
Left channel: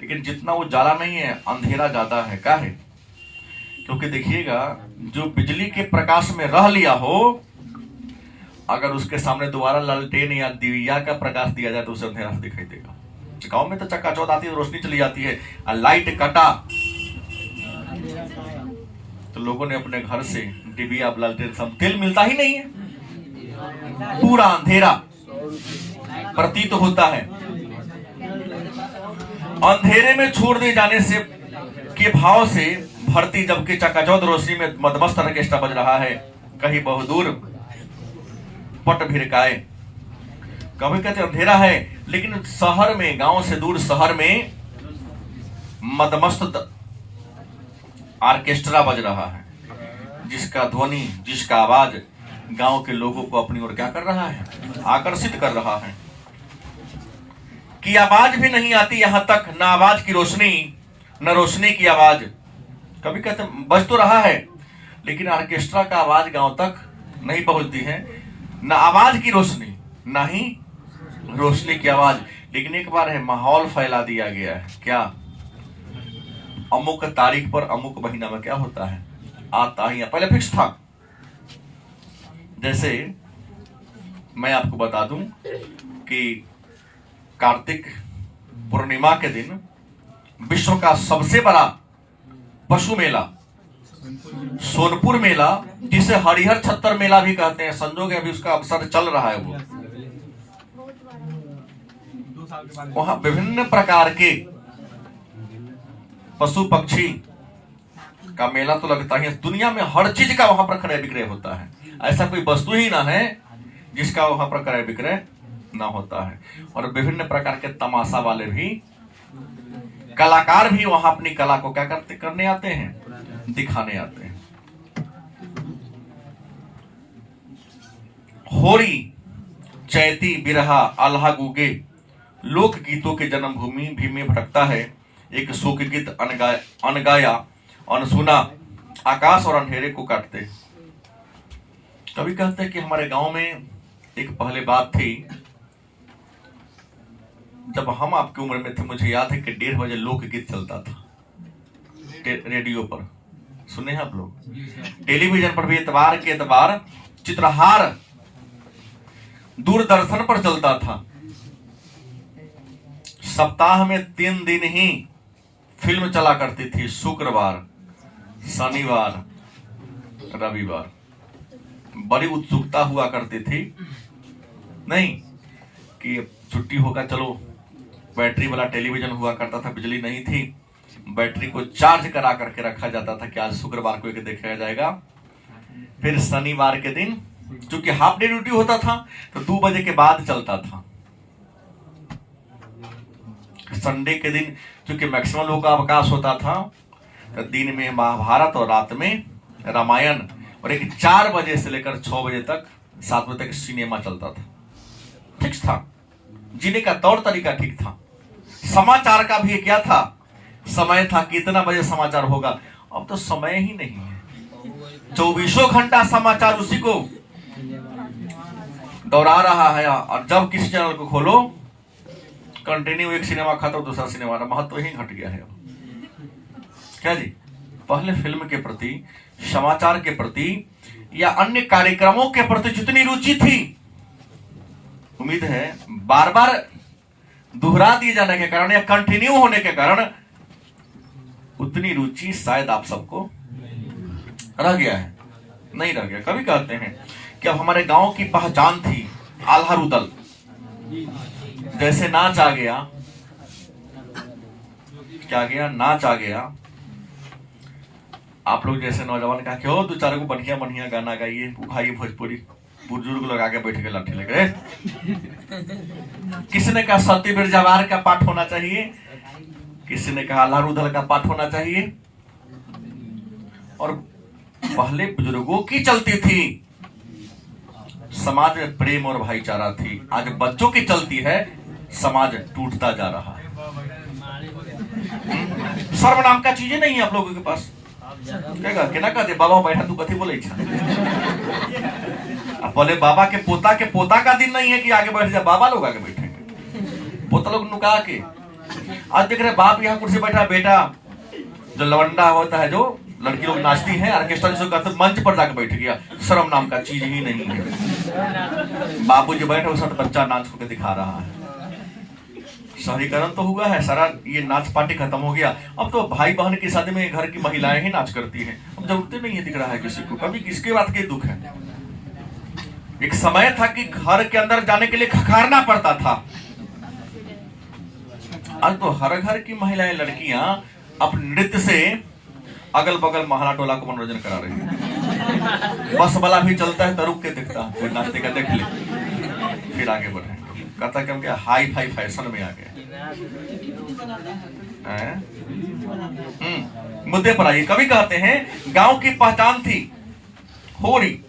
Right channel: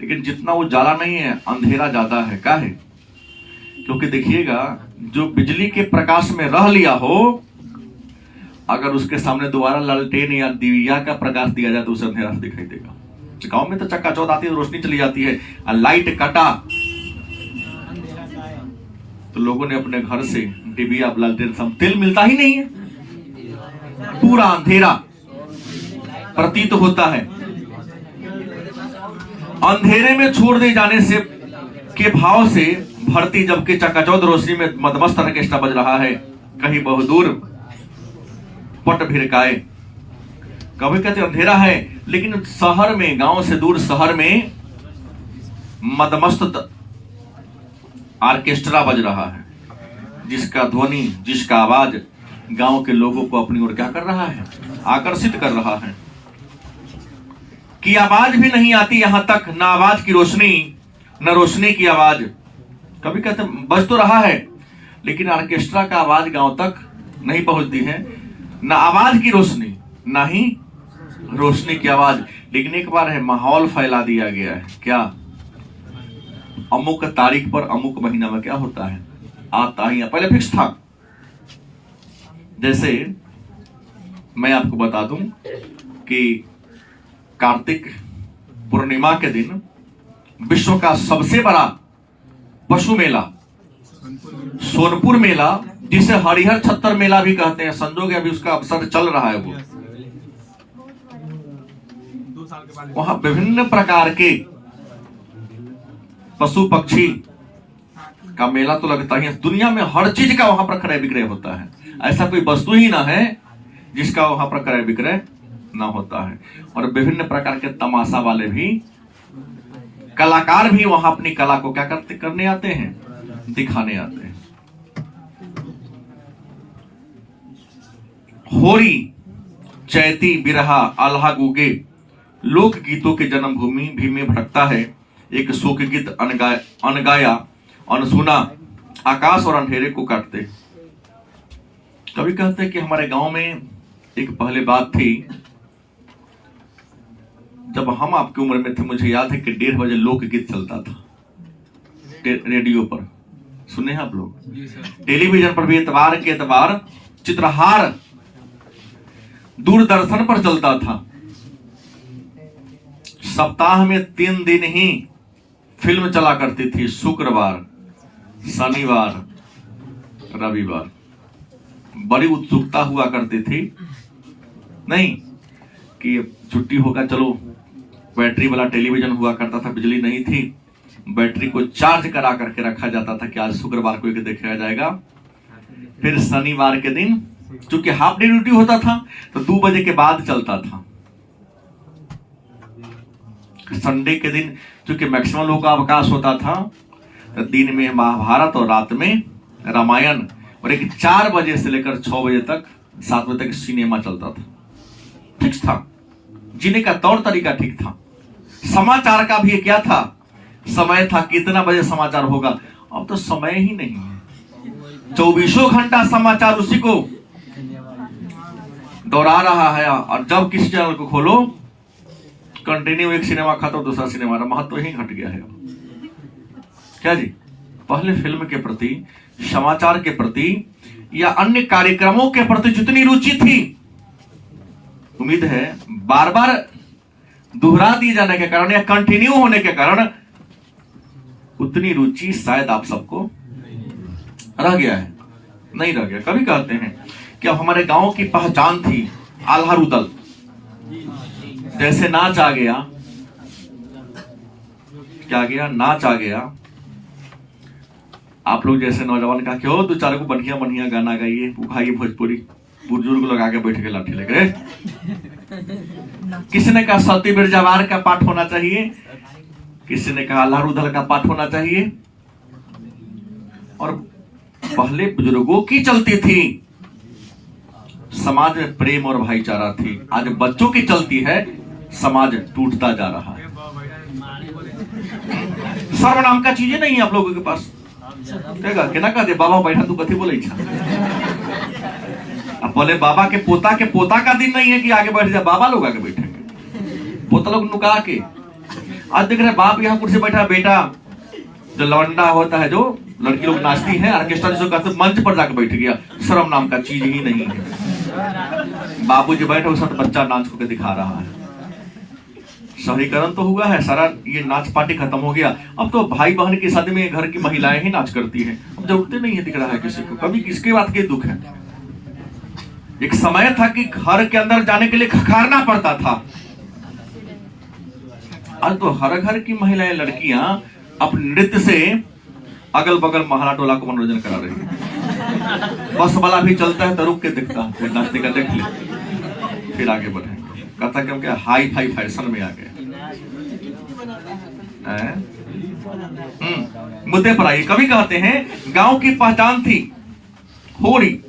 लेकिन जितना उजाला नहीं है, अंधेरा ज्यादा है। क्या है, क्योंकि देखिएगा, जो बिजली के प्रकाश में रह लिया हो, अगर उसके सामने दोबारा लालटेन या दिया का प्रकाश दिया जाए तो उसे अंधेरा से दिखाई देगा। गांव में तो चकाचौंध आती है, रोशनी चली जाती है, और लाइट कटा तो लोगों ने अपने घर से डिबिया, लालटेन, सब, तेल मिलता ही नहीं है, पूरा अंधेरा प्रतीत होता है। अंधेरे में छोड़ दे जाने से के भाव से भरती, जबकि चकाचौंध रोशनी में मदमस्त ऑर्केस्ट्रा बज रहा है, कहीं बहुदूर पट भिरकाए। कभी कहते अंधेरा है, लेकिन शहर में, गांव से दूर शहर में मदमस्त ऑर्केस्ट्रा बज रहा है, जिसका ध्वनि, जिसका आवाज गांव के लोगों को अपनी ओर क्या कर रहा है, आकर्षित कर रहा है। कि आवाज भी नहीं आती यहां तक, न आवाज की रोशनी, न रोशनी की आवाज। कभी कहते बज तो रहा है, लेकिन ऑर्केस्ट्रा का आवाज गांव तक नहीं पहुंचती है, न आवाज की रोशनी, न ही रोशनी की आवाज। लेकिन एक बार है, माहौल फैला दिया गया है। क्या, अमुक तारीख पर अमुक महीना में क्या होता है, आता ही पहले फिक्स था। जैसे मैं आपको बता दूं कि कार्तिक पूर्णिमा के दिन विश्व का सबसे बड़ा पशु मेला, सोनपुर मेला, जिसे हरिहर छत्तर मेला भी कहते हैं, संजोग अभी उसका अवसर चल रहा है। वो वहां विभिन्न प्रकार के पशु पक्षी का मेला तो लगता ही है। दुनिया में हर चीज का वहां पर क्रय विक्रय होता है, ऐसा कोई वस्तु ही ना है जिसका वहां पर क्रय विक्रय ना होता है। और विभिन्न प्रकार के तमाशा वाले भी, कलाकार भी वहां अपनी कला को क्या करने आते हैं, दिखाने आते हैं। होरी, चैती, बिरहा, आल्हा, गुगे लोक गीतों के जन्मभूमि भी में भटकता है। एक शोक गीत अनगाया, अनसुना, आकाश और अंधेरे को काटते। कभी कहते हैं कि हमारे गांव में एक पहले बात थी, जब हम आपकी उम्र में थे, मुझे याद है कि 1:30 बजे लोकगीत चलता था रेडियो पर। सुने हैं आप लोग? टेलीविजन पर भी एतवार के एतवार चित्रहार दूरदर्शन पर चलता था। सप्ताह में 3 दिन ही फिल्म चला करती थी, शुक्रवार, शनिवार, रविवार। बड़ी उत्सुकता हुआ करती थी, नहीं कि छुट्टी होगा, चलो बैटरी वाला टेलीविजन हुआ करता था, बिजली नहीं थी, बैटरी को चार्ज करा करके रखा जाता था कि आज शुक्रवार को देखा जाएगा। फिर शनिवार के दिन चूंकि हाफ डे ड्यूटी होता था तो 2 बजे के बाद चलता था। संडे के दिन चूंकि मैक्सिमम लोगों का अवकाश होता था तो दिन में महाभारत और रात में रामायण, और एक 4 बजे से लेकर 6 बजे तक 7 बजे तक सिनेमा चलता था। ठीक था, जीने का तौर तरीका ठीक था। समाचार का भी क्या था, समय था, कितना बजे समाचार होगा। अब तो समय ही नहीं है, 24 घंटा समाचार उसी को दोहरा रहा है। और जब किसी चैनल को खोलो कंटिन्यू एक सिनेमा खत्म, दूसरा सिनेमा, महत्व ही घट गया है। क्या जी? पहले फिल्म के प्रति, समाचार के प्रति या अन्य कार्यक्रमों के प्रति जितनी रुचि थी, उम्मीद है बार बार दोहरा दिए जाने के कारण या कंटिन्यू होने के कारण उतनी रुचि शायद आप सबको रह गया है, नहीं रह गया। कभी कहते हैं कि अब हमारे गांव की पहचान थी आल्हा रुदल, जैसे नाच आ गया, क्या गया, नाच आ गया। आप लोग जैसे नौजवान कहा कि 2-4 को बढ़िया बढ़िया गाना गाइए, उठाइए भोजपुरी, बुजुर्ग लोग आगे बैठ के लाठी लेकर। किसी ने कहा सतीवीर जवार का पाठ होना चाहिए, किसी ने कहा आल्हा रुदल का पाठ होना चाहिए। और पहले बुजुर्गों की चलती थी, समाज में प्रेम और भाईचारा थी। आज बच्चों की चलती है, समाज टूटता जा रहा है। सर्वनाम का चीजें नहीं है आप लोगों के पास। केना कह दे बाबा बैठा तू कथी बोले छा? अब बोले बाबा के पोता का दिन नहीं है कि आगे बैठ जा, बाबा लोग आगे बैठेंगे, पोता लोग नुका के। आज देख रहे बाप यहाँ कुर्सी बैठा, बेटा जो लवंडा होता है, जो लड़की लोग नाचती है ऑर्केस्ट्रा जो करते, मंच पर जाकर बैठ गया। शर्म नाम का चीज ही नहीं है। बाबू जी बैठे, साथ बच्चा नाच के दिखा रहा है। शहरीकरण तो हुआ है, सारा ये नाच पार्टी खत्म हो गया। अब तो भाई बहन की शादी में घर की महिलाएं ही नाच करती हैं। अब जरूरत नहीं है दिख रहा है किसी को। कभी किसकी बात के दुख है? एक समय था कि घर के अंदर जाने के लिए खखारना पड़ता था। आज तो हर घर की महिलाएं, लड़कियां अपने नृत्य से अगल बगल महला टोला को मनोरंजन करा रही है। बस वाला भी चलता है तो रुक के देखता है, नाचते का देख ले, फिर आगे बढ़े। कहता क्यों क्या हाई फाई फैशन में आ गया। मुद्दे पर आइए। कभी कहते हैं गांव की पहचान थी होली।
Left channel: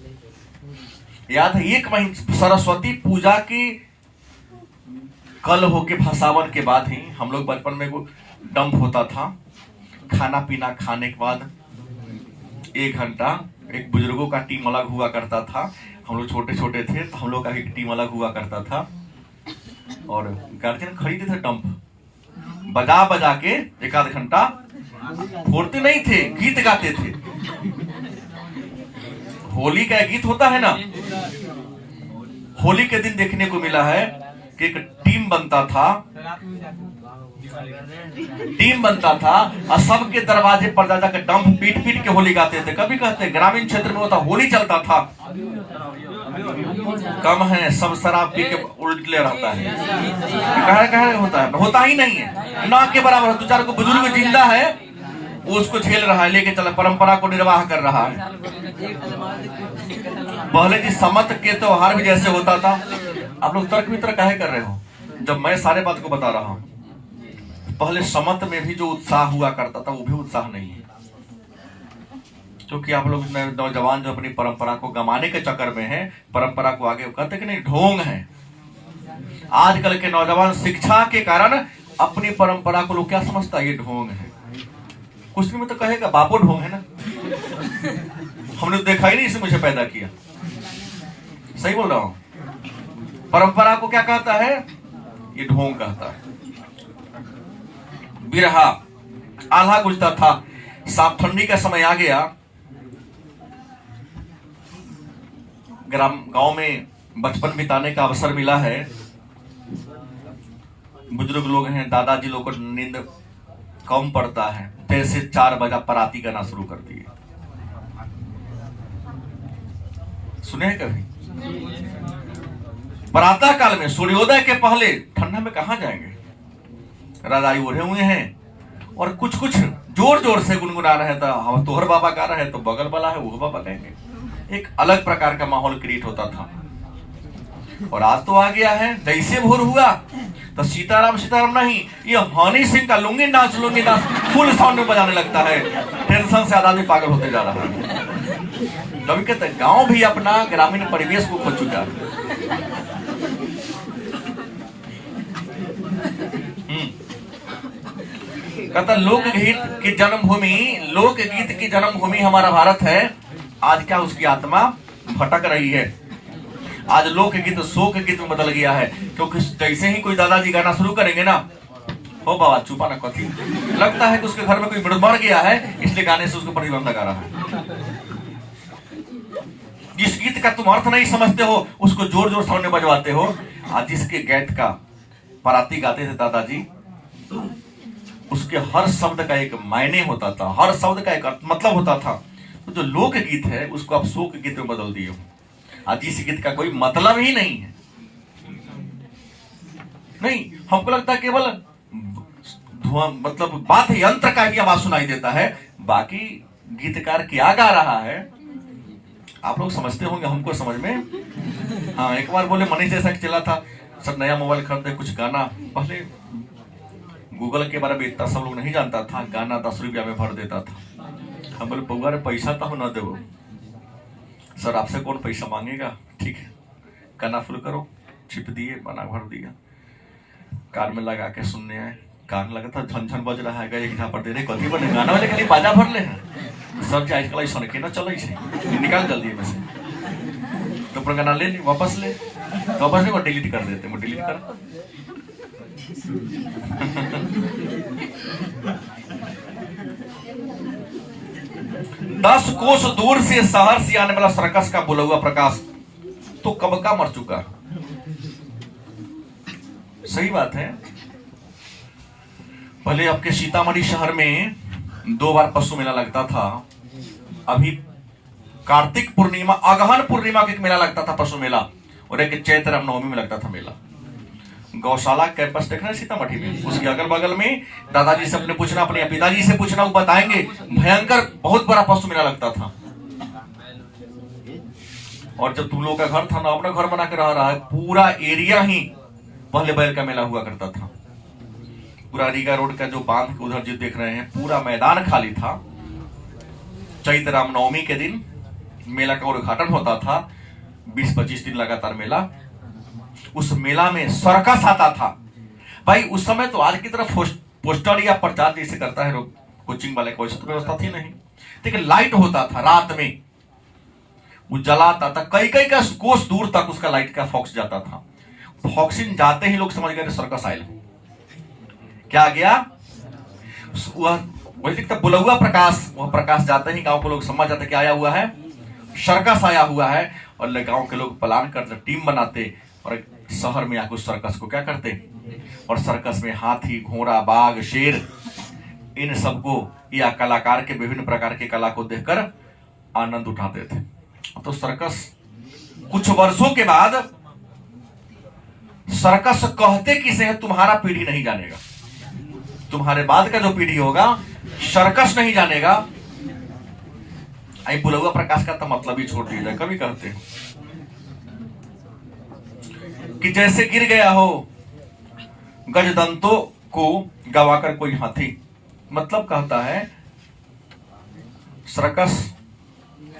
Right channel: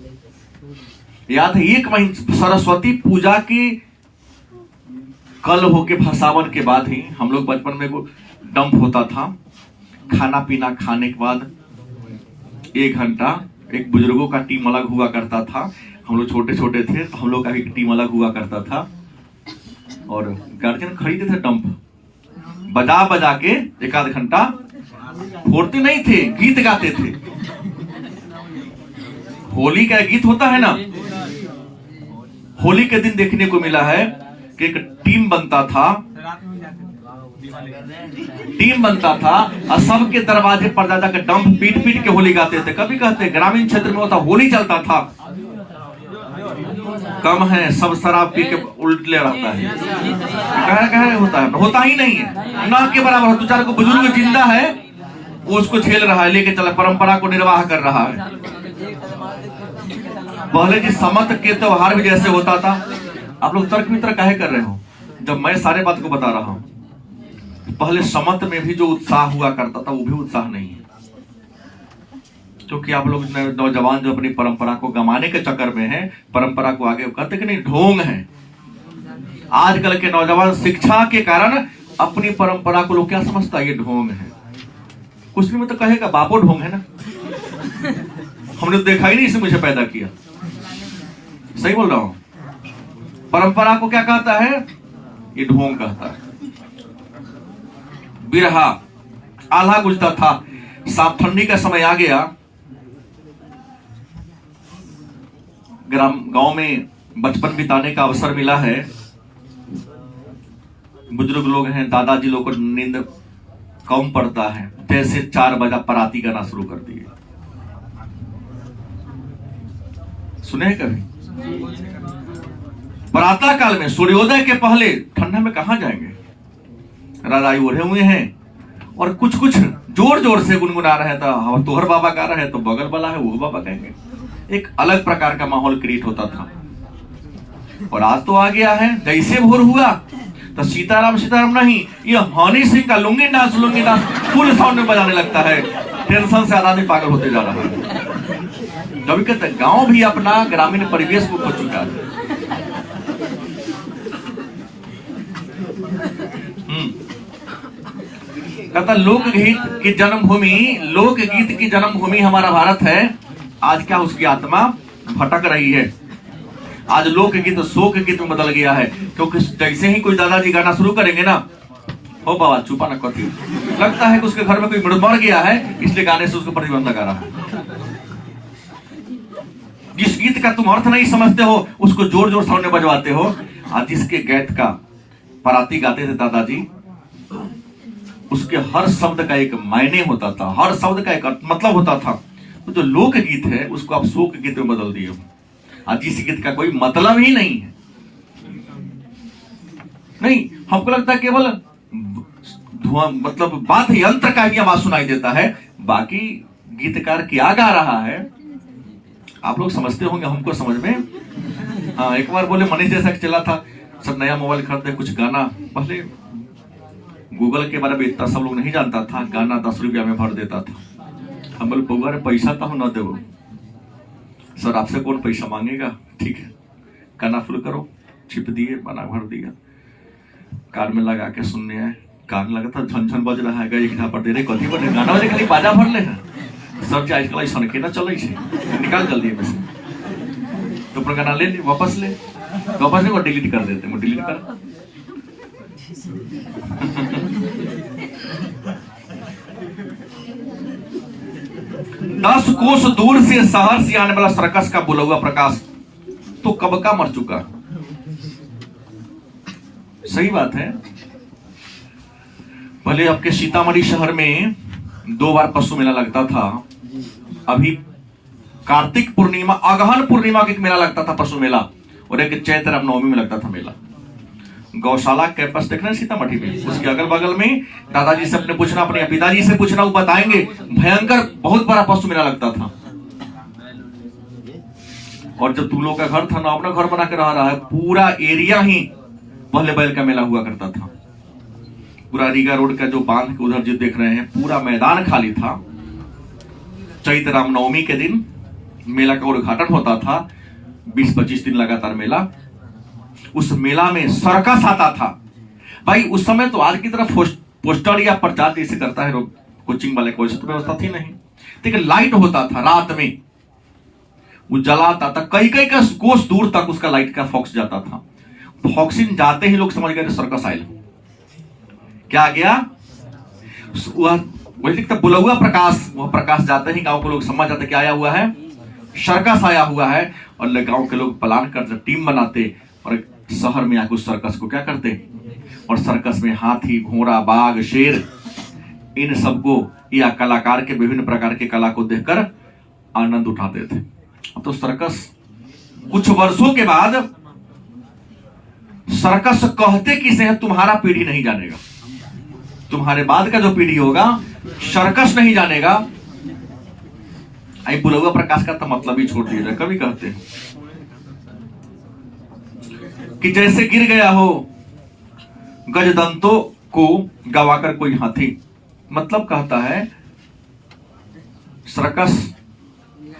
याद है 1 महीने सरस्वती पूजा की कल होके भसावन के बाद ही हम लोग बचपन में वो डंप होता था। खाना पीना खाने के बाद 1 घंटा एक बुजुर्गों का टीम अलग हुआ करता था। हम लोग छोटे छोटे थे तो हम लोग का भी टीम अलग हुआ करता था। और गार्जियन खरीदे थे डंप, बजा बजा के 1-आध घंटा फोड़ते नहीं थे, गीत गाते थे। होली का गीत होता है ना, होली के दिन देखने को मिला है कि एक टीम बनता था और सबके दरवाजे पर जाकर डंप पीट पीट के होली गाते थे। कभी कहते ग्रामीण क्षेत्र में होता होली चलता था, कम है सब शराब पी के उल्टे रहता है। कह होता ही नहीं है, ना के बराबर। 2-4 को बुजुर्ग जिंदा है, वो उसको झेल रहा है, लेके चला, परंपरा को निर्वाह कर रहा है। पहले जी समत के त्योहार भी जैसे होता था। आप लोग तर्क मित्र काहे कर रहे हो जब मैं सारे बात को बता रहा हूं? पहले समत में भी जो उत्साह हुआ करता था वो भी उत्साह नहीं है, क्योंकि आप लोग नौजवान जो अपनी परंपरा को गंवाने के चक्कर में है, परंपरा को आगे कहते कि नहीं ढोंग है। आजकल के नौजवान शिक्षा के कारण अपनी परंपरा को लोग क्या समझता है, ये ढोंग है। कुछ नहीं, तो कहेगा बापो ढोंग है ना, हमने तो देखा ही नहीं, इसे मुझे पैदा किया। सही बोल रहा हूं? परंपरा को क्या कहता है? ये ढोंग कहता है। बिरहा आल्हा गुजता था, साफ ठंडी का समय आ गया, गांव में बचपन बिताने का अवसर मिला है। बुजुर्ग लोग हैं, दादाजी लोग को नींद कम पड़ता है, जैसे 4 बजा पराती गाना शुरू कर दिए। सुने हैं कभी? प्रातः काल में सूर्योदय के पहले ठंडा में कहां जाएंगे? राजाई ओढ़े हुए हैं और कुछ कुछ जोर जोर से गुनगुना रहे थे। हम तोहर बाबा गा रहे हैं तो बगल वाला है वो बाबा कहेंगे। एक अलग प्रकार का माहौल क्रिएट होता था। और आज तो आ गया है, जैसे भोर हुआ तो सीताराम सीताराम नहीं, ये हनी सिंह का लुंगी नाच फुल साउंड में बजाने लगता है। टेंशन से आदमी पागल होते जा रहा है। कभी कहते हैं गांव भी अपना ग्रामीण परिवेश को खो चुका है। कहता लोकगीत की जन्मभूमि हमारा भारत है। आज क्या उसकी आत्मा भटक रही है। आज लोकगीत शोक गीत में बदल गया है, क्योंकि जैसे ही कोई दादाजी गाना शुरू करेंगे ना, हो बाबा चुपा ना कथी, लगता है कि उसके घर में कोई मर गया है, इसलिए गाने से उसको प्रतिबंध लगा रहा है। जिस गीत का तुम अर्थ नहीं समझते हो उसको जोर जोर साउंड में बजवाते हो। आज जिसके गीत का पराती गाते थे दादाजी, उसके हर शब्द का एक मायने होता था, हर शब्द का एक मतलब होता था। तो जो लोक गीत है उसको आप शोक गीत में बदल दिए। आज इस गीत का कोई मतलब ही नहीं है। नहीं, हमको लगता है केवल धुआं मतलब बात यंत्र का ही आवाज सुनाई देता है, बाकी गीतकार क्या गा रहा है आप लोग समझते होंगे, हमको समझ में। हाँ, एक बार बोले मनीष जैसा चला था, सब नया मोबाइल खरीदते, कुछ गाना, पहले गूगल के बारे में इतना सब लोग नहीं जानता था, गाना 10 रुपया में भर देता था। हम बोले पौगा पैसा तो हम न दे। सर आपसे कौन पैसा मांगेगा, ठीक है गाना फुल करो, छिप दिए, बना भर दिया, कार में लगा के सुनने आए, कान लगा था झनझन बज रहा है, एक पर दे रहे कथी पर गाना वाले खाली बाजा भर ले सब जाए आजकल ऐसा के ना चले से निकाल जल्दी में से तो पर गाना ले वापस ले और डिलीट कर देते, वो डिलीट कर। दस कोस दूर से शहर से आने वाला सर्कस का बुलौआ प्रकाश तो कब का मर चुका। सही बात है। पहले आपके सीतामढ़ी शहर में 2 बार पशु मेला लगता था। अभी कार्तिक पूर्णिमा, अगहन पूर्णिमा के मेला लगता था पशु मेला, और एक चैत्र रामनवमी में लगता था मेला। गौशाला कैंपस देख रहे हैं सीतामढ़ी में, उसके अगल बगल में दादाजी से अपने पूछना, अपने पिताजी से पूछना, वो बताएंगे भयंकर बहुत बड़ा पशु मेला लगता था। और जब तुम लोग का घर था ना, अपना घर बना के रहा है, पूरा एरिया ही पहले बैल का मेला हुआ करता था। पूरा रीगा रोड का जो बांध के उधर जो देख रहे हैं, पूरा मैदान खाली था। चैत्र रामनवमी के दिन मेला का उद्घाटन होता था, 20-25 दिन लगातार मेला। उस मेला में सर्कस आता था भाई। उस समय तो आज की तरह पोस्टर या प्रचार जैसे करता है कोचिंग वाले, कोई तो व्यवस्था थी नहीं, लेकिन लाइट होता था रात में, वो जलाता था, कई का कोस दूर तक उसका लाइट का फॉक्स जाता था। फॉक्सिंग जाते ही लोग समझ गए सर्कस आयल। क्या गया वही लिखता बुलौआ प्रकाश, वह प्रकाश जाते ही गांव के लोग समझ जाते क्या आया हुआ है, सर्कस आया हुआ है। और गांव के लोग प्लान करते, टीम बनाते और शहर में आकर उस सर्कस को क्या करते, और सर्कस में हाथी, घोड़ा, बाघ, शेर, इन सबको या कलाकार के विभिन्न प्रकार के कला को देखकर आनंद उठाते थे। तो सर्कस कुछ वर्षों के बाद सर्कस कहते किसे है तुम्हारा पीढ़ी नहीं जानेगा, तुम्हारे बाद का जो पीढ़ी होगा सर्कस नहीं जानेगा। आई बुलौआ प्रकाश का तो मतलब ही छोड़ दिया जाए। कभी कहते हैं कि जैसे गिर गया हो गजदंतों को गवाकर कोई हाथी, मतलब कहता है सर्कस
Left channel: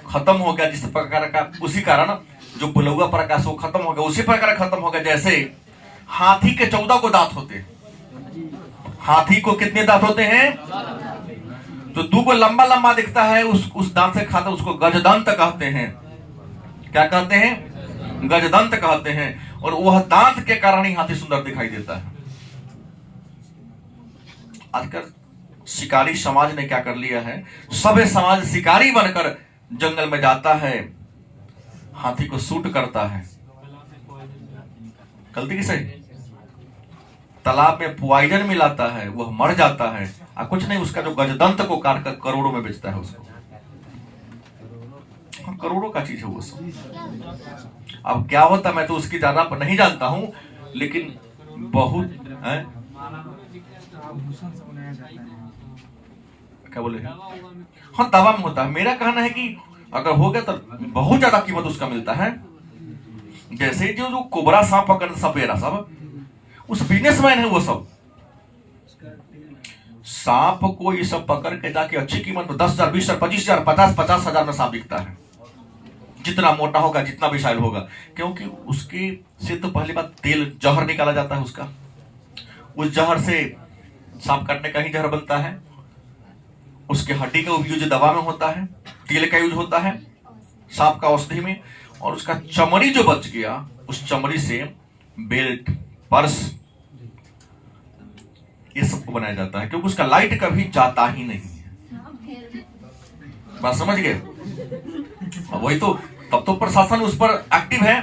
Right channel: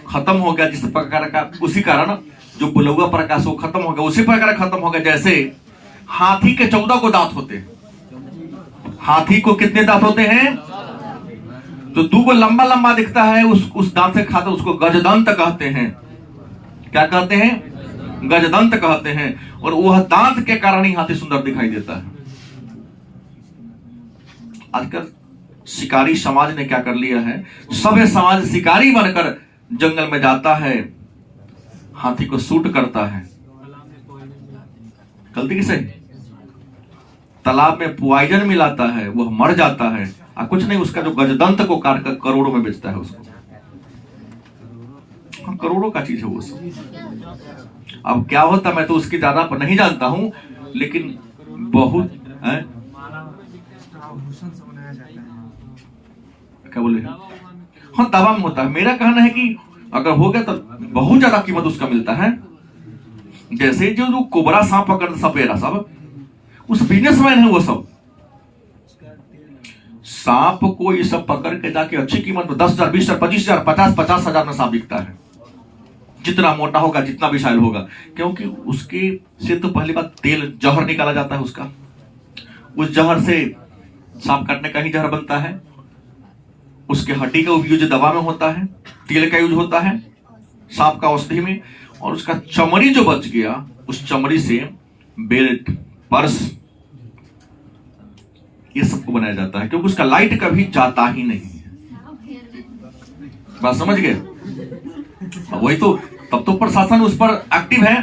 खत्म हो गया जिस प्रकार का, उसी कारण जो बुलौआ प्रकाश वो खत्म हो गया, उसी प्रकार खत्म हो गया जैसे हाथी के 14 को दांत होते। हाथी को कितने दांत होते हैं? तो 2 को लंबा लंबा दिखता है, उस दांत से खाता उसको गजदंत कहते हैं। क्या कहते हैं? गजदंत कहते हैं, और वह दांत के कारण ही हाथी सुंदर दिखाई देता है। आजकल शिकारी समाज ने क्या कर लिया है, सभ्य समाज शिकारी बनकर जंगल में जाता है, हाथी को शूट करता है। गलती किसे? तालाब में पॉइजन मिलाता है, वह मर जाता है, और कुछ नहीं, उसका जो गजदंत को काट कर करोड़ों में बेचता है उसको। करोड़ों का चीज है वो सब। अब क्या होता मैं तो उसकी ज्यादा नहीं जानता हूं, लेकिन बहुत है। आभूषण से बनाया जाता है। क्या बोले? हाँ, दावा में होता है। मेरा कहना है कि अगर हो गया तो बहुत ज्यादा कीमत उसका मिलता है। जैसे जो कोबरा सांप पकड़ सपेरा सब, उस बिजनेसमैन है वो सब। सांप को ये सब पकड़ के जाके अच्छी कीमत में 10,000, 20,000, 25,000, 50,000 में सांप बिकता है। जितना मोटा होगा, जितना विशाल होगा, क्योंकि उसके से तो पहली बात तेल जहर निकाला जाता है उसका। उस जहर से सांप काटने का ही जहर बनता है। उसके हड्डी का उपयोग दवा में होता है, तेल का यूज होता है सांप का औषधि में, और उसका चमड़ी जो बच गया, उस चमड़ी से बेल्ट, पर्स, ये सबको बनाया जाता है, क्योंकि उसका लाइट कभी जाता ही नहीं है। बात समझ गए? वही तो, तब तो प्रशासन उस पर एक्टिव है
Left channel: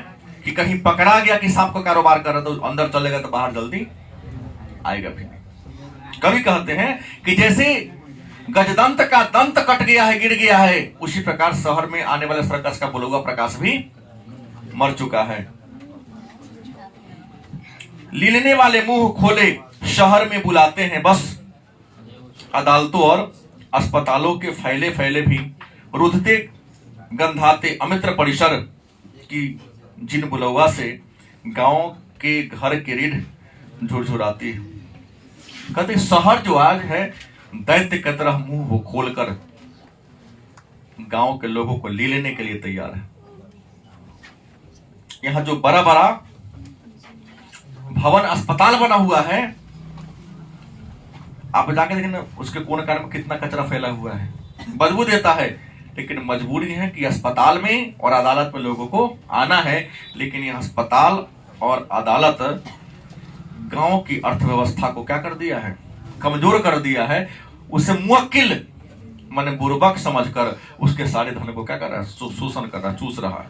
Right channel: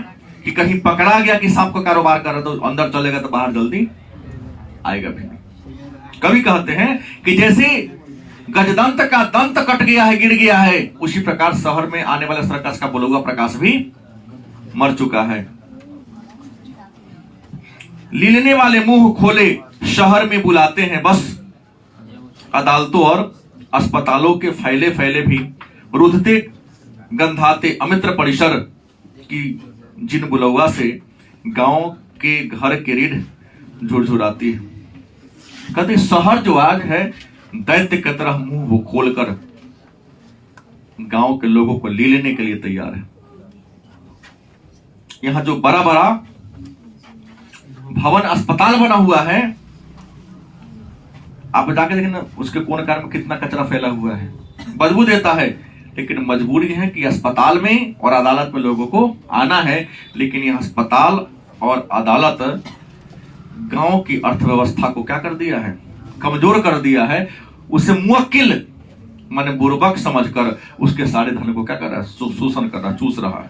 कि कहीं पकड़ा गया कि सांप का कारोबार कर रहा तो अंदर चलेगा तो बाहर जल्दी आएगा भी नहीं। कभी कहते हैं कि जैसे गजदंत का दंत कट गया है, गिर गया है, उसी प्रकार शहर में आने वाले सर्कस का बुलुआ प्रकाश भी मर चुका है। लीलने वाले मुंह खोले शहर में बुलाते हैं बस, अदालतों और अस्पतालों के फैले फैले भी रुधते गंधाते अमित्र परिसर की जिन बुलवा से गांव के घर के रीढ़ झुरझुराती है। कहते शहर जो आज है दैत्य की तरह मुंह वो खोलकर गांव के लोगों को ले लेने के लिए तैयार है। यहां जो बड़ा बड़ा भवन अस्पताल बना हुआ है, आप जाके देखें ना, उसके कोने कार में कितना कचरा फैला हुआ है। बदबू देता है, लेकिन मजबूरी है कि अस्पताल में और अदालत में लोगों को आना है। लेकिन यह अस्पताल और अदालत गांव की अर्थव्यवस्था को क्या कर दिया है, कमजोर कर दिया है। उसे मुवक्किल माने बुर्बक समझकर उसके सारे धन को क्या कर रहा है, शोषण कर रहा है, चूस रहा है।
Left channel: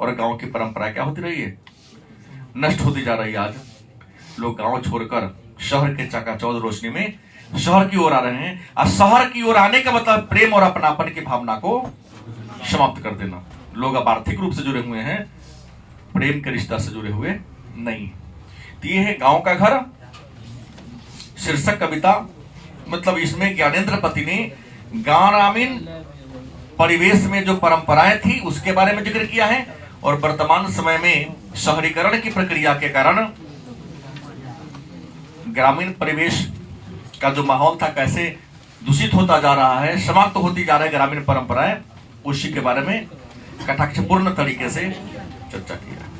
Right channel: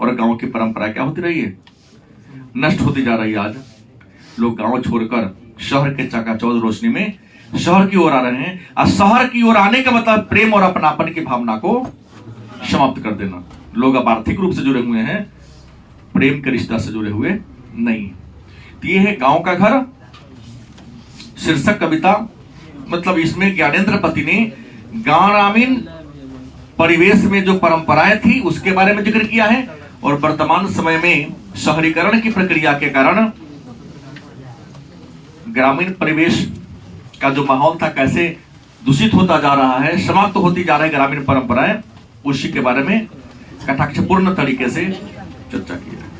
और गांव की परंपरा क्या होती रही है, नष्ट होती जा रही है। आज लोग गांव छोड़कर शहर के चकाचौंध रोशनी में शहर की ओर आ रहे हैं। और शहर की ओर आने का मतलब प्रेम और अपनापन की भावना को समाप्त कर देना। लोग अब आर्थिक रूप से जुड़े हुए हैं, प्रेम के रिश्ता से जुड़े हुए नहीं। तो ये है गांव का घर शीर्षक कविता। मतलब इसमें ज्ञानेंद्र पति ने ग्रामीण परिवेश में जो परंपराएं थी उसके बारे में जिक्र किया है, और वर्तमान समय में शहरीकरण की प्रक्रिया के कारण ग्रामीण परिवेश का जो माहौल था कैसे दूषित होता जा रहा है, समाप्त होती जा रहा है ग्रामीण परंपराएं, उसी के बारे में कटाक्षपूर्ण तरीके से चर्चा की है।